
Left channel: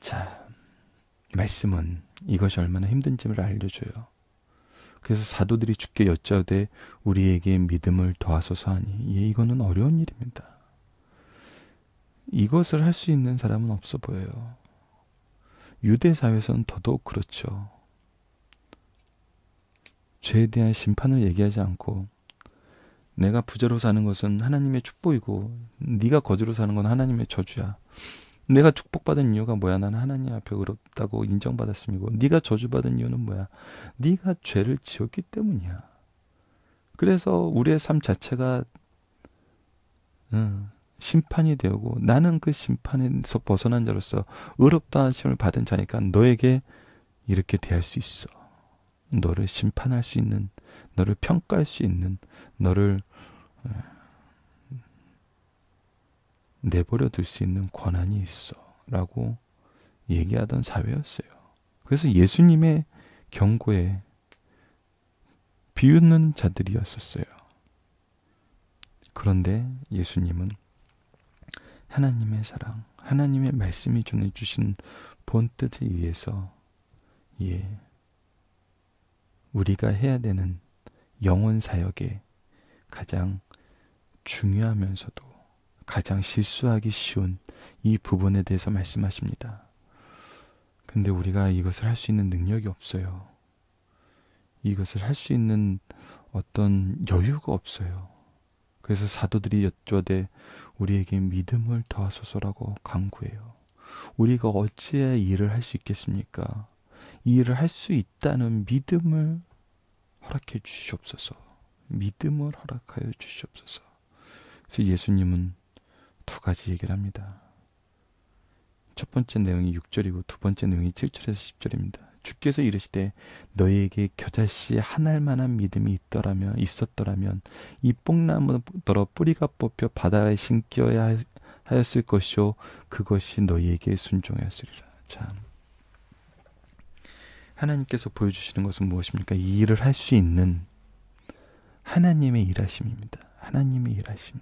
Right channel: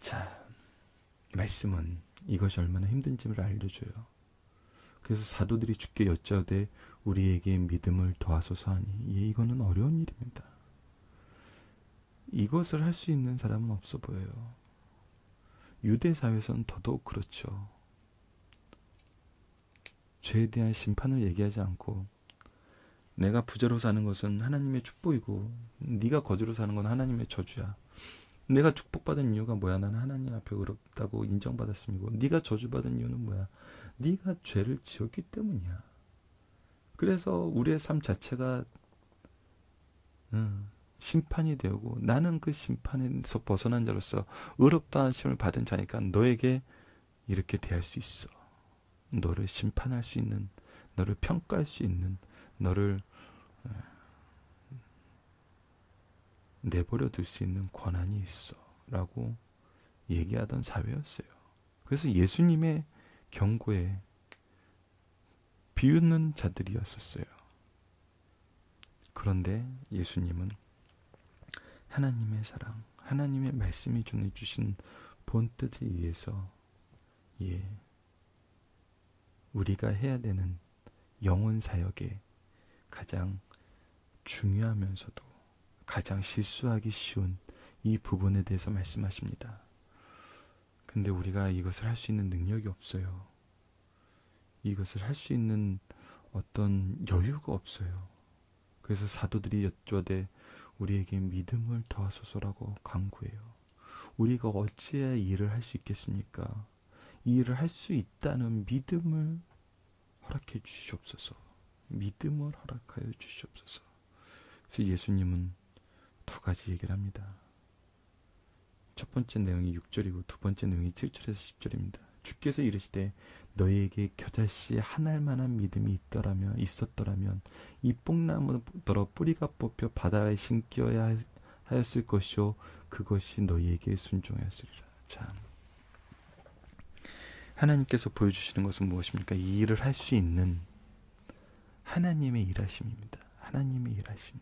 자, 말씀은 이것이 얼마나 힘든지를 알려줘요. 그래서 사도들이 주께 여짜오되 우리에게 믿음을 더하소서 하니, 이거는 어려운 일입니다. 이것을 할 수 있는 사람은 없어 보여요. 유대 사회에서는 더더욱 그렇죠. 죄에 대한 심판을 얘기하지 않고, 내가 부자로 사는 것은 하나님의 축복이고 네가 거지로 사는 건 하나님의 저주야. 내가 축복받은 이유가 뭐야? 나는 하나님 앞에 의롭다고 인정받았음이고, 네가 저주받은 이유는 뭐야? 네가 죄를 지었기 때문이야. 그래서 우리의 삶 자체가 심판이 되고, 나는 그 심판에서 벗어난 자로서 의롭다 하심을 받은 자니까 너에게 이렇게 대할 수 있어. 너를 심판할 수 있는, 너를 평가할 수 있는, 너를 내버려 둘 수 있는 권한이 있어 라고 얘기하던 사회였어요. 그래서 예수님의 경고에 비웃는 자들이었었어요. 그런데 예수님은 하나님의 사랑, 하나님의 말씀이 전해주신 본뜻에 의해서 우리가 해야 되는 영혼 사역에 가장 중요하면서도 가장 실수하기 쉬운 이 부분에 대해서 말씀하십니다. 근데 우리가 이것을 할 수 있는 능력이 없어요. 이것을 할 수 있는 어떤 여유가 없어요. 그래서 사도들이 여쭤되 우리에게 믿음을 더하소서라고 간구해요. 우리가 어찌해야 이 일을 할 수 있겠습니까? 이 일을 할 수 있다는 믿음을 허락해 주시옵소서. 믿음을 허락하여 주시옵소서. 그래서 예수님은 두 가지 얘기를 합니다. 첫 번째 내용이 6절이고 두 번째 내용이 7절에서 10절입니다. 주께서 이르시되 너희에게 겨자씨 한 알만한 믿음이 있었더라면 이 뽕나무더러 뿌리가 뽑혀 바다에 심겨야 하였을 것이요 그것이 너희에게 순종하였으리라. 참, 하나님께서 보여주시는 것은 무엇입니까? 이 일을 할 수 있는 하나님의 일하심입니다. 하나님의 일하심.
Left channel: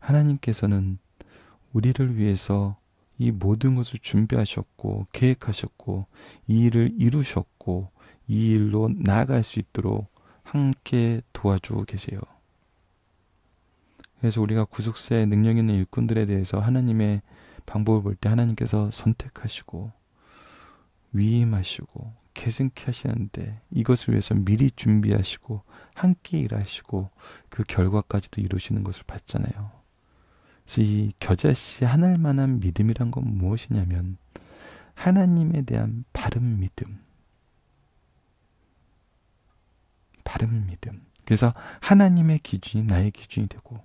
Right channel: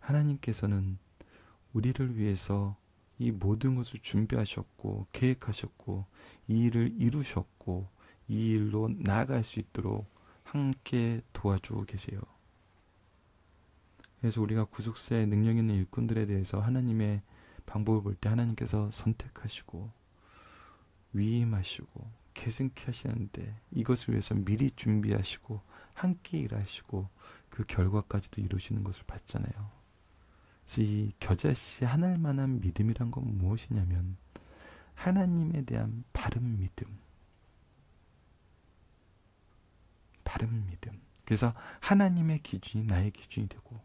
하나님께서는 우리를 위해서 이 모든 것을 준비하셨고 계획하셨고 이 일을 이루셨고 이 일로 나아갈 수 있도록 함께 도와주고 계세요. 그래서 우리가 구속사의 능력 있는 일꾼들에 대해서 하나님의 방법을 볼 때 하나님께서 선택하시고 위임하시고 계승케 하시는데 이것을 위해서 미리 준비하시고 함께 일하시고 그 결과까지도 이루시는 것을 봤잖아요. 그래서 이 겨자씨 하늘 만한 믿음이란 건 무엇이냐면 하나님에 대한 바른 믿음. 바른 믿음. 그래서 하나님의 기준이 나의 기준이 되고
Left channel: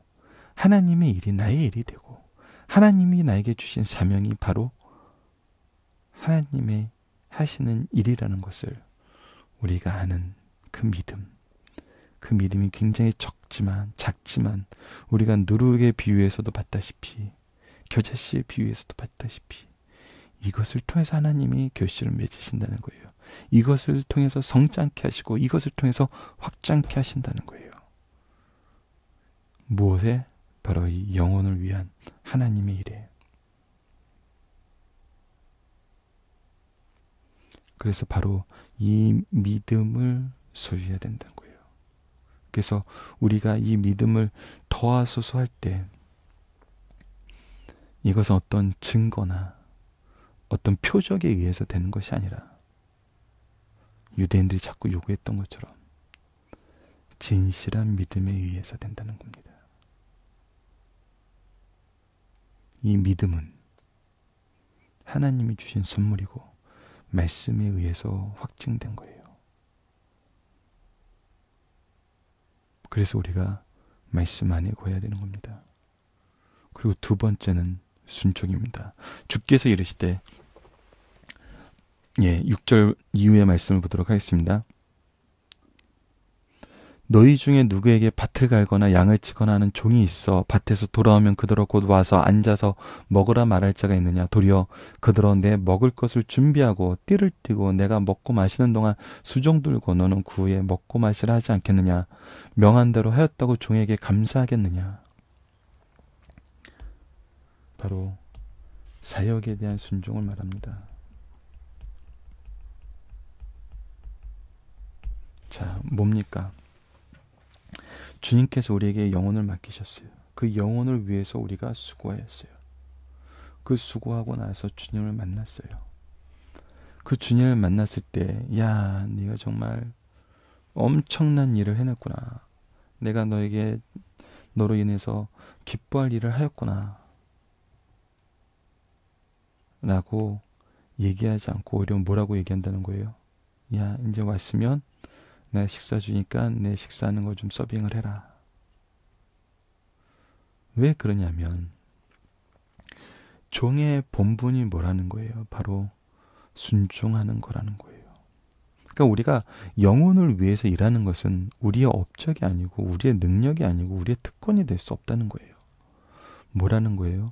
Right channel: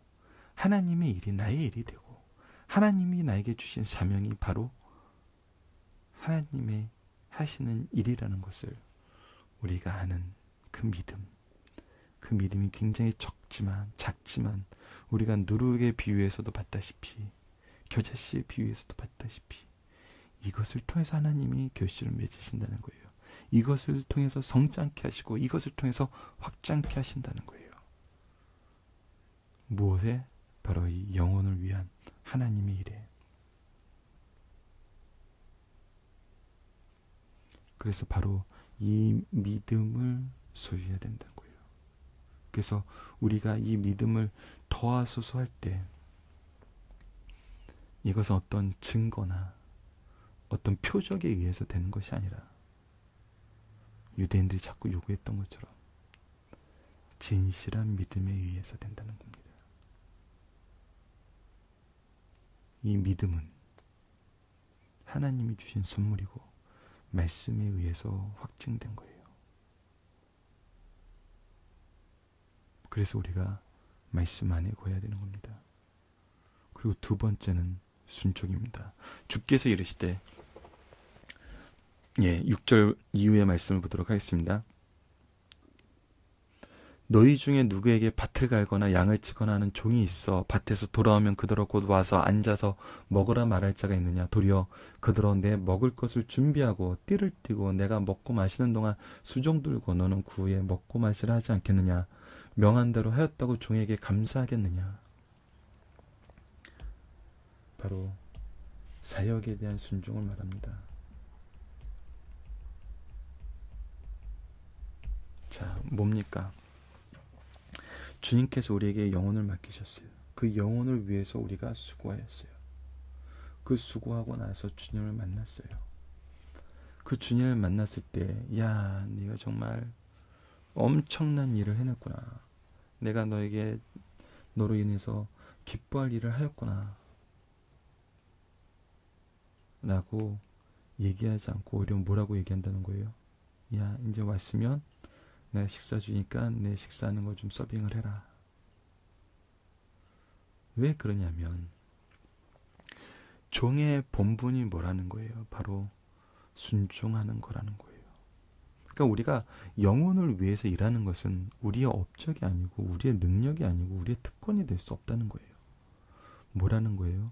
하나님의 일이 나의 일이 되고 하나님이 나에게 주신 사명이 바로 하나님의 하시는 일이라는 것을 우리가 아는 그 믿음. 그 믿음이 굉장히 작지만 우리가 누룩의 비유에서도 봤다시피 겨자씨의 비유에서도 봤다시피 이것을 통해서 하나님이 결실을 맺으신다는 거예요. 이것을 통해서 성장케 하시고 이것을 통해서 확장케 하신다는 거예요. 무엇에? 바로 이 영혼을 위한 하나님의 일에. 그래서 바로 이 믿음을 소유해야 된다는 거예요. 그래서 우리가 이 믿음을 더하소서 할 때 이것은 어떤 증거나 어떤 표적에 의해서 되는 것이 아니라 유대인들이 자꾸 요구했던 것처럼 진실한 믿음에 의해서 된다는 겁니다. 이 믿음은 하나님이 주신 선물이고 말씀에 의해서 확증된 거예요. 그래서 우리가 말씀 안에 거해야 되는 겁니다. 그리고 두 번째는 순종입니다. 주께서 이르시되 6절 이후의 말씀을 보도록 하겠습니다. 너희 중에 누구에게 밭을 갈거나 양을 치거나 하는 종이 있어 밭에서 돌아오면 그더러 곧 와서 앉아서 먹으라 말할 자가 있느냐? 도리어 그더러 내 먹을 것을 준비하고 띠를 띠고 내가 먹고 마시는 동안 수종 들고 너는 그 후에 먹고 마시라 하지 않겠느냐? 명한 대로 하였다고 종에게 감사하겠느냐? 바로 사역에 대한 순종을 말합니다. 자, 뭡니까? 주님께서 우리에게 영혼을 맡기셨어요. 그 영혼을 위해서 우리가 수고하였어요. 그 수고하고 나서 주님을 만났어요. 그 주님을 만났을 때, 야, 네가 정말 엄청난 일을 해냈구나. 내가 너로 인해서 기뻐할 일을 하였구나. 라고 얘기하지 않고 오히려 뭐라고 얘기한다는 거예요? 야, 이제 왔으면 내가 식사 주니까 내 식사하는 거 좀 서빙을 해라. 왜 그러냐면 종의 본분이 뭐라는 거예요? 바로 순종하는 거라는 거예요. 그러니까 우리가 영혼을 위해서 일하는 것은 우리의 업적이 아니고 우리의 능력이 아니고 우리의 특권이 될 수 없다는 거예요. 뭐라는 거예요?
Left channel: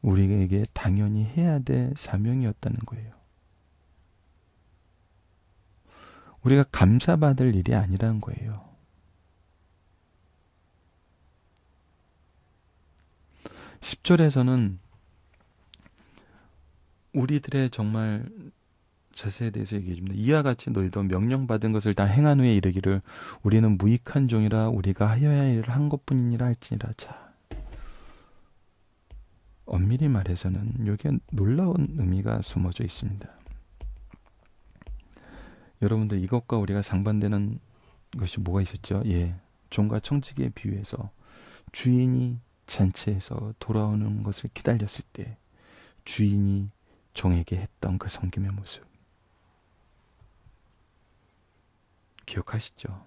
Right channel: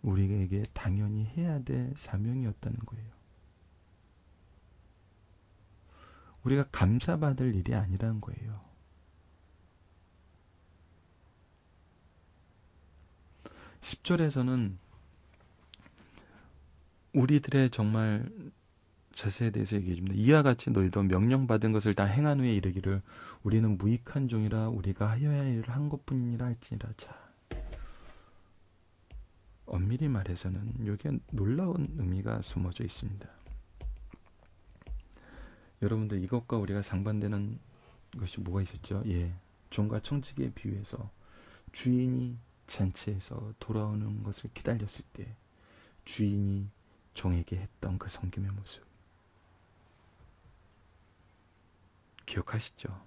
우리에게 당연히 해야 될 사명이었다는 거예요. 우리가 감사받을 일이 아니라는 거예요. (10절에서는) 우리들의 정말 자세에 대해서 얘기해 줍니다. 이와 같이 너희도 명령받은 것을 다 행한 후에 이르기를 우리는 무익한 종이라 우리가 하여야 할 일을 한 것뿐이니라 할지니라. 자, 엄밀히 말해서는 여기에 놀라운 의미가 숨어져 있습니다. 여러분들, 이것과 우리가 상반되는 것이 뭐가 있었죠? 종과 청지기에 비유해서 주인이 잔치에서 돌아오는 것을 기다렸을 때 주인이 종에게 했던 그 섬김의 모습 기억하시죠?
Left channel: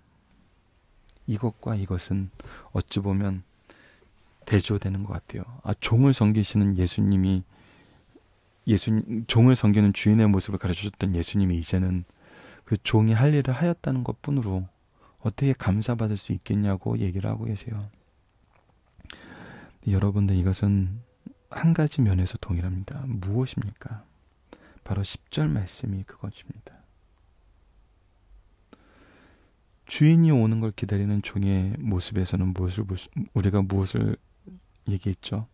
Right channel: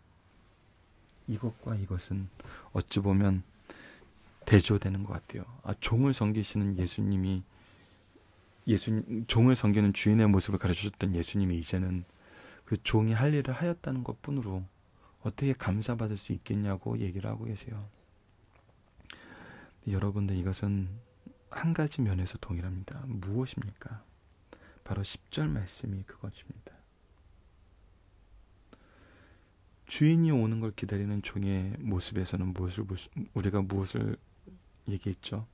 이것과 이것은 어찌 보면 대조되는 것 같아요. 종을 섬기시는 종을 섬기는 주인의 모습을 가르쳐줬던 예수님이 이제는 그 종이 할 일을 하였다는 것뿐으로 어떻게 감사받을 수 있겠냐고 얘기를 하고 계세요. 여러분들, 이것은 한 가지 면에서 동일합니다. 무엇입니까? 바로 10절 말씀이 그것입니다. 주인이 오는 걸 기다리는 종의 모습에서는 우리가 무엇을 얘기했죠?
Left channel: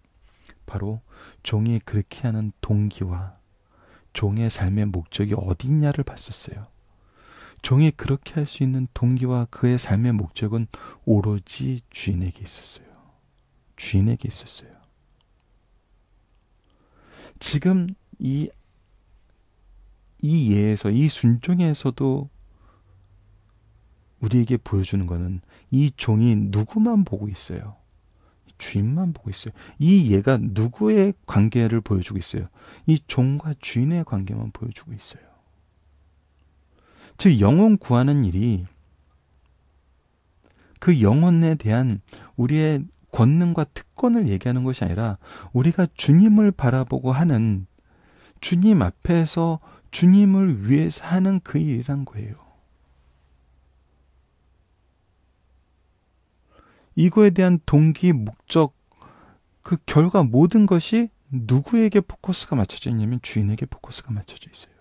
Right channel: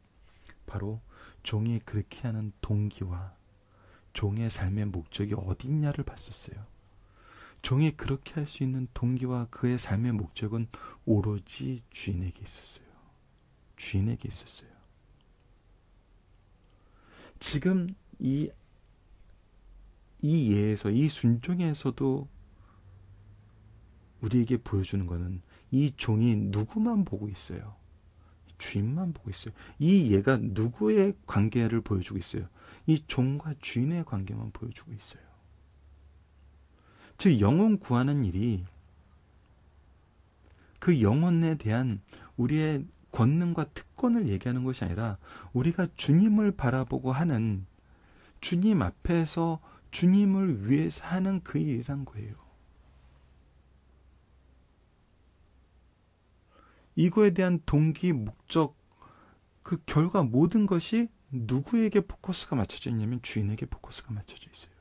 바로 종이 그렇게 하는 동기와 종의 삶의 목적이 어디 있냐를 봤었어요. 종이 그렇게 할 수 있는 동기와 그의 삶의 목적은 오로지 주인에게 있었어요. 주인에게 있었어요. 지금 이 예에서, 이 순종에서도 우리에게 보여주는 것은 이 종이 누구만 보고 있어요? 주인만 보고 있어요. 이 예가 누구의 관계를 보여주고 있어요? 이 종과 주인의 관계만 보여주고 있어요. 즉 영혼 구하는 일이 그 영혼에 대한 우리의 권능과 특권을 얘기하는 것이 아니라 우리가 주님을 바라보고 하는, 주님 앞에서 주님을 위해서 하는 그 일이란 거예요. 이거에 대한 동기, 목적, 그 결과 모든 것이 누구에게 포커스가 맞춰져 있냐면 주인에게 포커스가 맞춰져 있어요.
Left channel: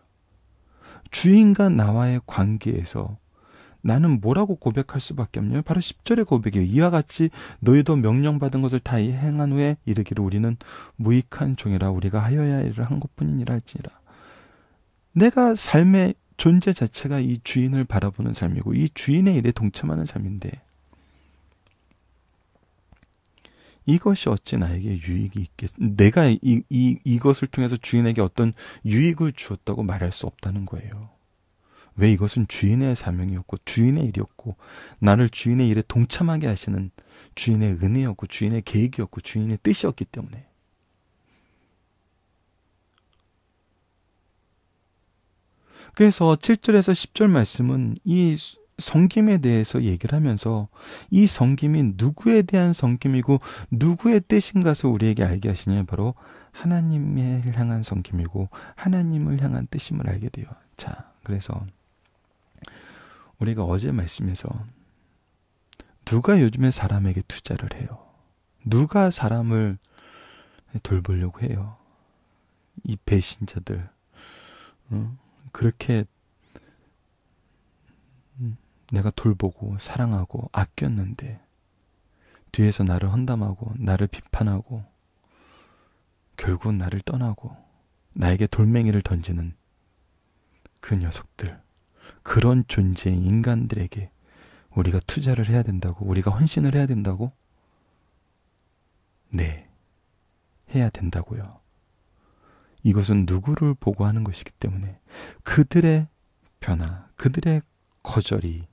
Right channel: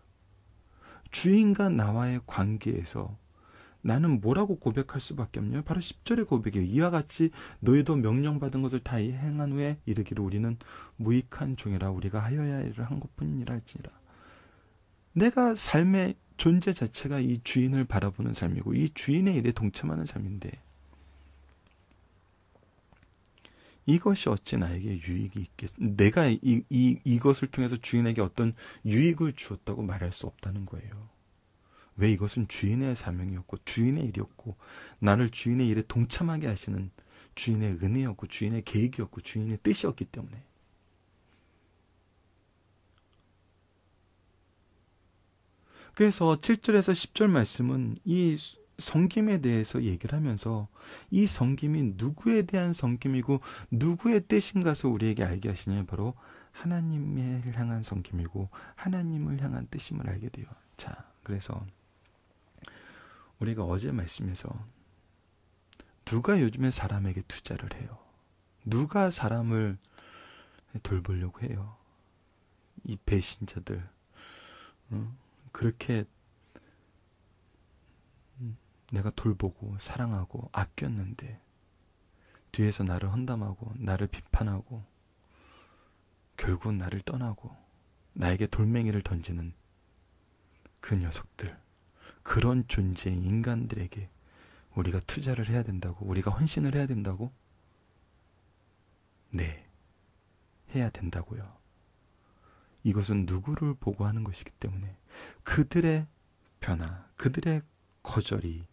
주인과 나와의 관계에서 나는 뭐라고 고백할 수밖에 없냐면 바로 10절의 고백이에요. 이와 같이 너희도 명령받은 것을 다 행한 후에 이르기를 우리는 무익한 종이라 우리가 하여야 할 일을 한 것뿐이니라 할지니라. 내가 삶의 존재 자체가 이 주인을 바라보는 삶이고 이 주인의 일에 동참하는 삶인데 이것이 어찌 나에게 유익이 있겠, 내가 이것을 통해서 주인에게 어떤 유익을 주었다고 말할 수 없다는 거예요. 왜? 이것은 주인의 사명이었고 주인의 일이었고 나를 주인의 일에 동참하게 하시는 주인의 은혜였고 주인의 계획이었고 주인의 뜻이었기 때문에. 그래서 7절에서 10절 말씀은 이 섬김에 대해서 얘기를 하면서 이 섬김이 누구에 대한 섬김이고 누구의 뜻인 것을 우리에게 알게 하시냐면 바로 하나님을 향한 섬김이고 하나님을 향한 뜻임을 알게 돼요. 자, 그래서 우리가 어제 말씀에서 누가 요즘에 사람에게 투자를 해요? 누가 사람을 돌보려고 해요? 이 배신자들. 그렇게 내가 돌보고 사랑하고 아꼈는데 뒤에서 나를 험담하고 나를 비판하고 결국 나를 떠나고 나에게 돌멩이를 던지는 그 녀석들, 그런 존재인 인간들에게 우리가 투자를 해야 된다고? 우리가 헌신을 해야 된다고? 네, 해야 된다고요. 이것은 누구를 보고 하는 것이기 때문에 그들의 변화, 그들의 거절이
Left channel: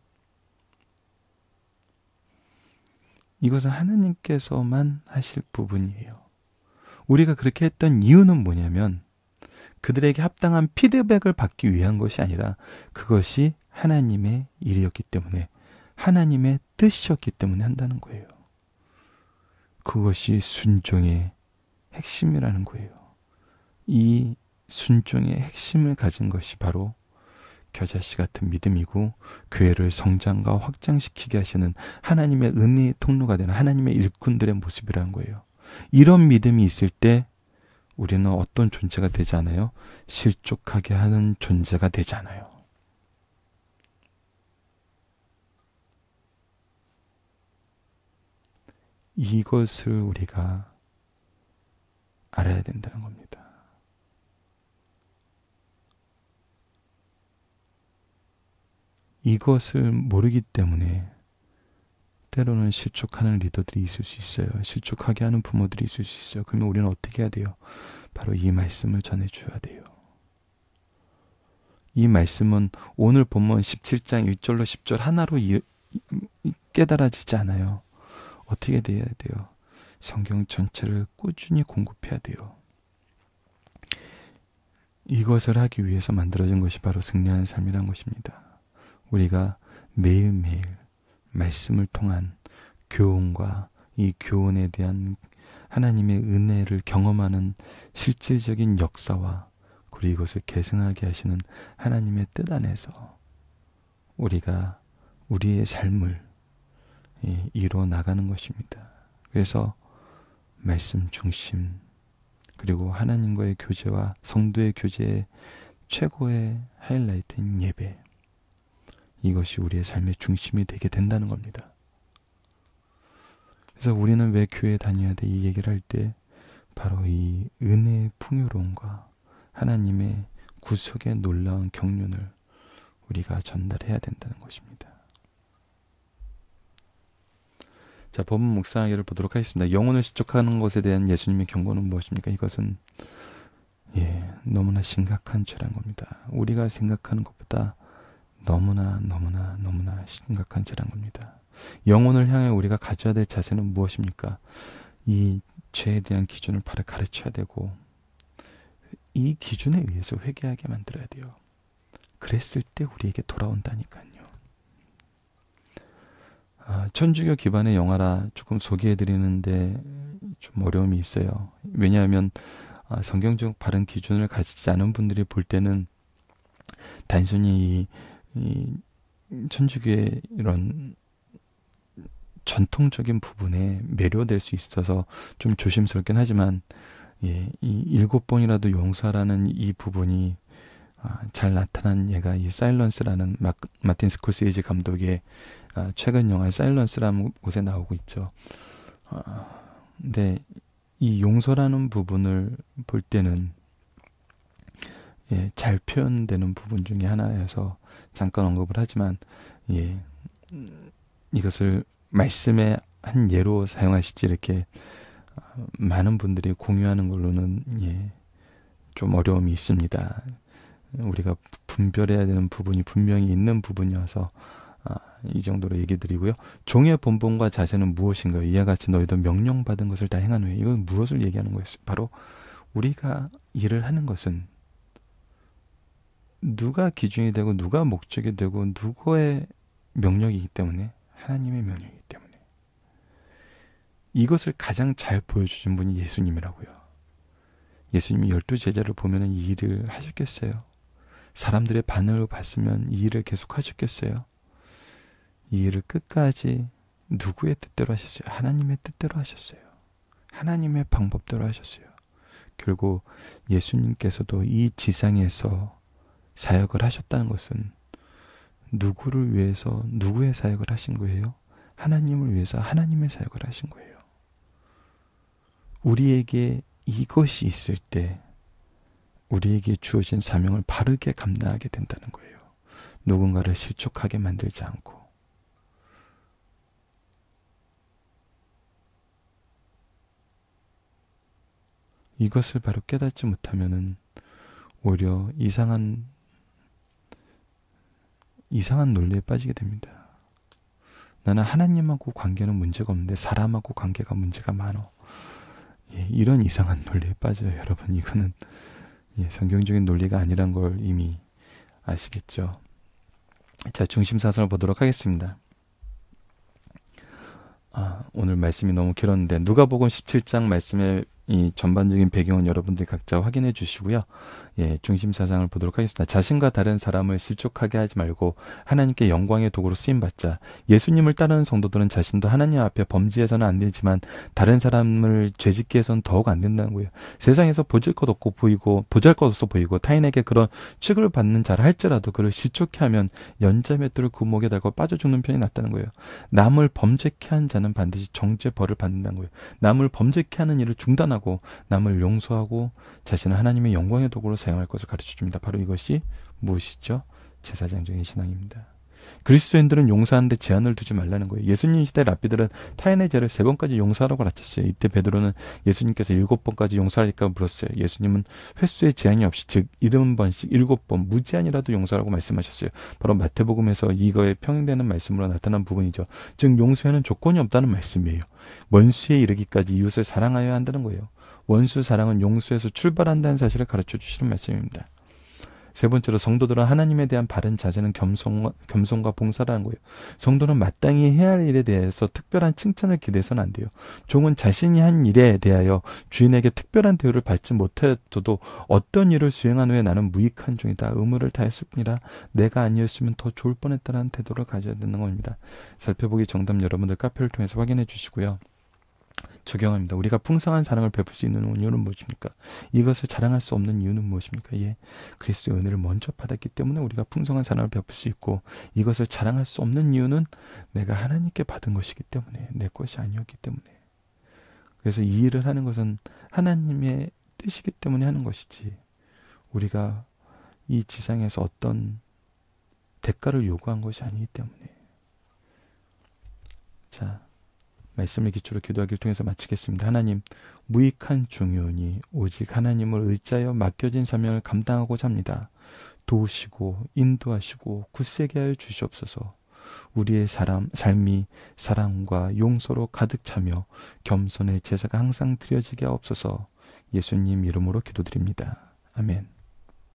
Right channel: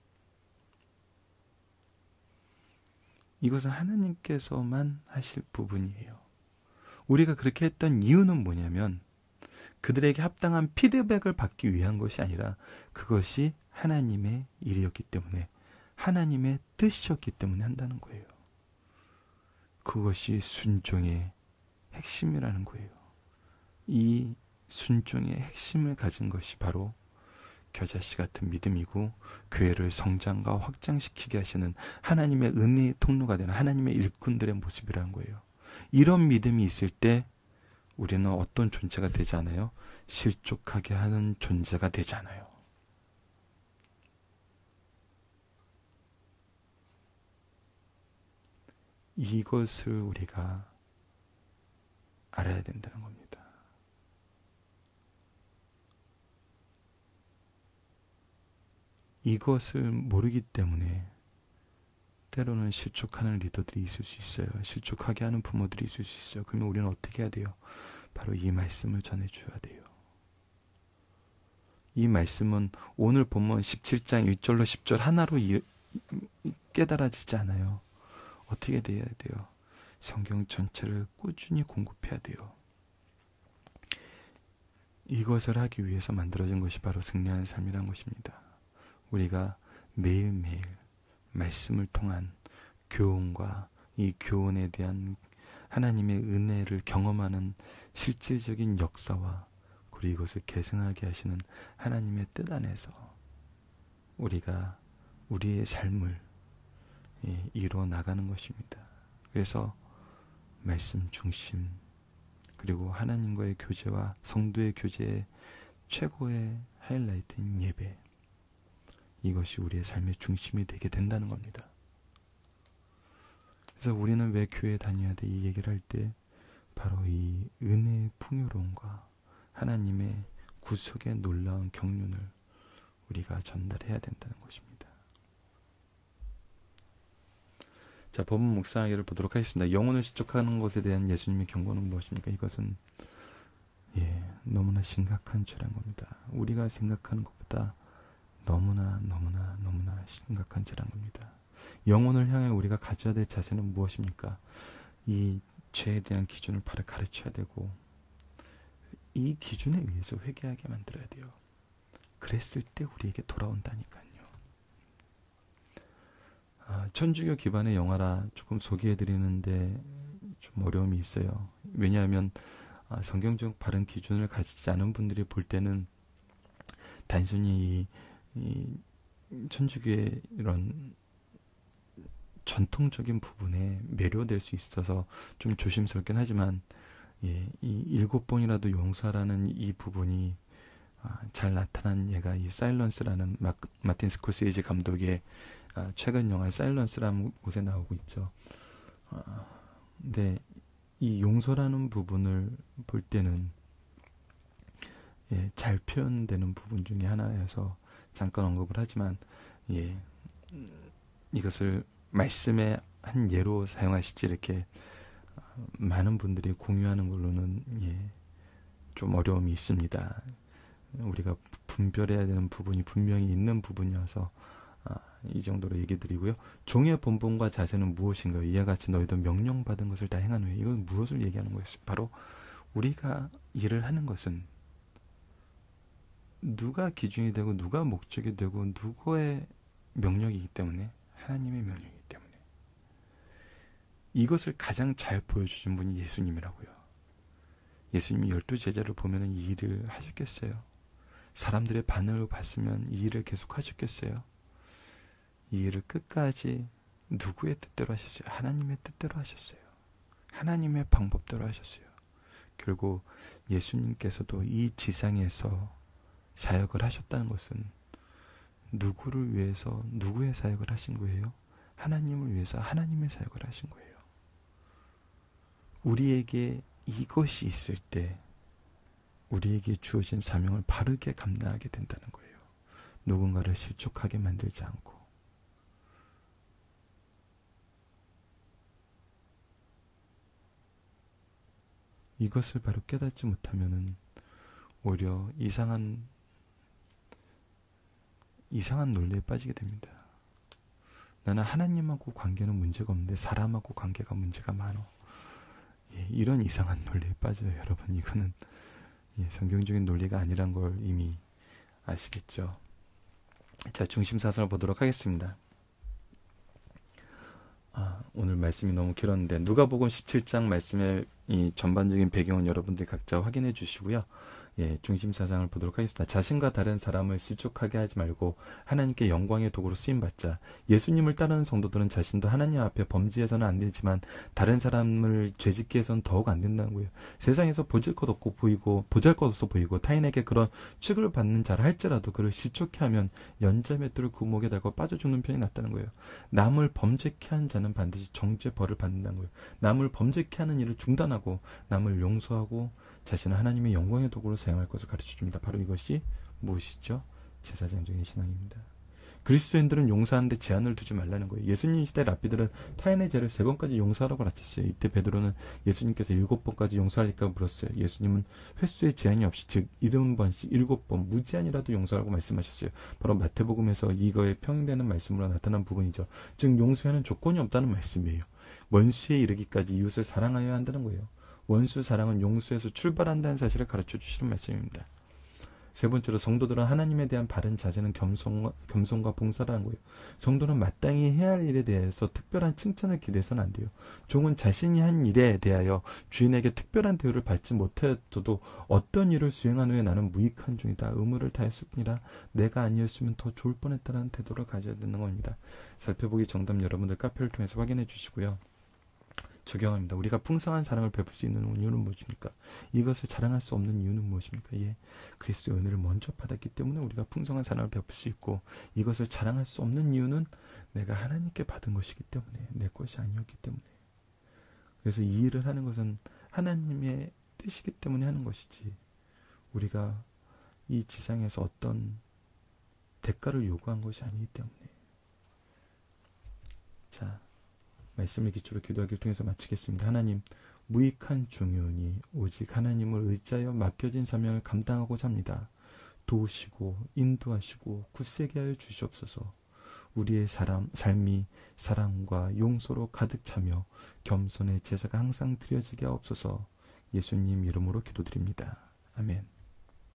이것은 하나님께서만 하실 부분이에요. 우리가 그렇게 했던 이유는 뭐냐면 그들에게 합당한 피드백을 받기 위한 것이 아니라 그것이 하나님의 일이었기 때문에 하나님의 뜻이었기 때문에 한다는 거예요. 그것이 순종의 핵심이라는 거예요. 이 순종의 핵심을 가진 것이 바로 겨자씨 같은 믿음이고 교회를 성장과 확장시키게 하시는 하나님의 은혜의 통로가 되는 하나님의 일꾼들의 모습이라는 거예요. 이런 믿음이 있을 때 우리는 어떤 존재가 되지 않아요? 실족하게 하는 존재가 되지 않아요. 이것을 우리가 알아야 된다는 겁니다. 이것을 모르기 때문에 때로는 실족하는 리더들이 있을 수 있어요. 실족하게 하는 부모들이 있을 수 있어요. 그러면 우리는 어떻게 해야 돼요? 바로 이 말씀을 전해줘야 돼요. 이 말씀은 오늘 본문 17장 1절로 10절 하나로 깨달아지지 않아요. 어떻게 돼야 돼요? 성경 전체를 꾸준히 공급해야 돼요. 이것을 하기 위해서 만들어진 것이 바로 승리하는 삶이라는 것입니다. 우리가 매일매일 말씀을 통한 교훈과 이 교훈에 대한 하나님의 은혜를 경험하는 실질적인 역사와 그리고 이것을 계승하게 하시는 하나님의 뜻 안에서 우리가 우리의 삶을 이루어 나가는 것입니다. 그래서 말씀 중심 그리고 하나님과의 교제와 성도의 교제의 최고의 하이라이트인 예배, 이것이 우리의 삶의 중심이 되게 된다는 겁니다. 그래서 우리는 왜 교회에 다녀야 돼? 이 얘기를 할 때 바로 이 은혜의 풍요로움과 하나님의 구속의 놀라운 경륜을 우리가 전달해야 된다는 것입니다. 자, 본문 묵상하기를 보도록 하겠습니다. 영혼을 실족하는 것에 대한 예수님의 경고는 무엇입니까? 이것은 너무나 심각한 죄란 겁니다. 우리가 생각하는 것보다 너무나 심각한 죄란 겁니다. 영혼을 향해 우리가 가져야 될 자세는 무엇입니까? 이 죄에 대한 기준을 바로 가르쳐야 되고 이 기준에 의해서 회개하게 만들어야 돼요. 그랬을 때 우리에게 돌아온다니까요. 천주교 기반의 영화라 조금 소개해드리는데 좀 어려움이 있어요. 왜냐하면 성경적 바른 기준을 가지지 않은 분들이 볼 때는 단순히 이 천주교의 이런 전통적인 부분에 매료될 수 있어서 좀 조심스럽긴 하지만 이 7번이라도 용서하라는 이 부분이 잘 나타난 예가 이 사일런스라는 마틴 스콜세이지 감독의 최근 영화 사일런스라는 곳에 나오고 있죠. 근데 이 용서라는 부분을 볼 때는 잘 표현되는 부분 중에 하나여서 잠깐 언급을 하지만 이것을 말씀의 한 예로 사용하시지 이렇게 많은 분들이 공유하는 걸로는 좀 어려움이 있습니다. 우리가 분별해야 되는 부분이 분명히 있는 부분이어서 이 정도로 얘기 드리고요. 종의 본분과 자세는 무엇인가요? 이와 같이 너희도 명령받은 것을 다 행한 후에 이건 무엇을 얘기하는 거였어요? 바로 우리가 일을 하는 것은 누가 기준이 되고 누가 목적이 되고 누구의 명령이기 때문에 하나님의 명령이기 때문에 이것을 가장 잘 보여주신 분이 예수님이라고요. 예수님이 12제자를 보면 이 일을 하셨겠어요? 사람들의 반응을 봤으면 이 일을 계속 하셨겠어요? 이 일을 끝까지 누구의 뜻대로 하셨어요? 하나님의 뜻대로 하셨어요. 하나님의 방법대로 하셨어요. 결국 예수님께서도 이 지상에서 사역을 하셨다는 것은 누구를 위해서 누구의 사역을 하신 거예요? 하나님을 위해서 하나님의 사역을 하신 거예요. 우리에게 이것이 있을 때 우리에게 주어진 사명을 바르게 감당하게 된다는 거예요. 누군가를 실족하게 만들지 않고. 이것을 바로 깨닫지 못하면은 오히려 이상한 논리에 빠지게 됩니다. 나는 하나님하고 관계는 문제가 없는데 사람하고 관계가 문제가 많어. 이런 이상한 논리에 빠져요. 여러분, 이거는 성경적인 논리가 아니란 걸 이미 아시겠죠. 자, 중심사상을 보도록 하겠습니다. 오늘 말씀이 너무 길었는데 누가복음 17장 말씀의 이 전반적인 배경은 여러분들이 각자 확인해 주시고요. 중심사상을 보도록 하겠습니다. 자신과 다른 사람을 실족하게 하지 말고 하나님께 영광의 도구로 쓰임받자. 예수님을 따르는 성도들은 자신도 하나님 앞에 범죄해서는 안 되지만 다른 사람을 죄짓게 해서는 더욱 안 된다는 거예요. 세상에서 보잘것없어 보이고 타인에게 그런 취급을 받는 자라 할지라도 그를 실족해 하면 연자맷돌을 그 목에 달고 빠져 죽는 편이 낫다는 거예요. 남을 범죄케 한 자는 반드시 정죄 벌을 받는다는 거예요. 남을 범죄케 하는 일을 중단하고 남을 용서하고 자신은 하나님의 영광의 도구로 사용할 것을 가르쳐줍니다. 바로 이것이 무엇이죠? 제사장적인 신앙입니다. 그리스도인들은 용서하는데 제한을 두지 말라는 거예요. 예수님 시대 랍비들은 타인의 죄를 3번까지 용서하라고 가르쳤어요. 이때 베드로는 예수님께서 7번까지 용서하리까 물었어요. 예수님은 횟수의 제한이 없이 즉 70번씩 7번 무제한이라도 용서하라고 말씀하셨어요. 바로 마태복음에서 이거에 평행되는 말씀으로 나타난 부분이죠. 즉 용서에는 조건이 없다는 말씀이에요. 원수에 이르기까지 이웃을 사랑하여야 한다는 거예요. 원수 사랑은 용서에서 출발한다는 사실을 가르쳐 주시는 말씀입니다. 세 번째로 성도들은 하나님에 대한 바른 자세는 겸손과 봉사라는 거예요. 성도는 마땅히 해야 할 일에 대해서 특별한 칭찬을 기대해서는 안 돼요. 종은 자신이 한 일에 대하여 주인에게 특별한 대우를 받지 못해도 어떤 일을 수행한 후에 나는 무익한 종이다. 의무를 다했을 뿐이라 내가 아니었으면 더 좋을 뻔했다는 태도를 가져야 되는 겁니다. 살펴보기 정답 여러분들 카페를 통해서 확인해 주시고요. 적용합니다. 우리가 풍성한 사랑을 베풀 수 있는 이유는 무엇입니까? 이것을 자랑할 수 없는 이유는 무엇입니까? 그리스도의 은혜를 먼저 받았기 때문에 우리가 풍성한 사랑을 베풀 수 있고 이것을 자랑할 수 없는 이유는 내가 하나님께 받은 것이기 때문에 내 것이 아니었기 때문에 그래서 이 일을 하는 것은 하나님의 뜻이기 때문에 하는 것이지, 우리가 이 지상에서 어떤 대가를 요구한 것이 아니기 때문에. 자, 말씀을 기초로 기도하기를 통해서 마치겠습니다. 하나님, 무익한 종이오니 오직 하나님을 의지하여 맡겨진 사명을 감당하고자 합니다. 도우시고 인도하시고 굳세게 하여 주시옵소서. 우리의 삶이 사랑과 용서로 가득 차며 겸손의 제사가 항상 드려지게 하옵소서. 예수님 이름으로 기도드립니다. 아멘.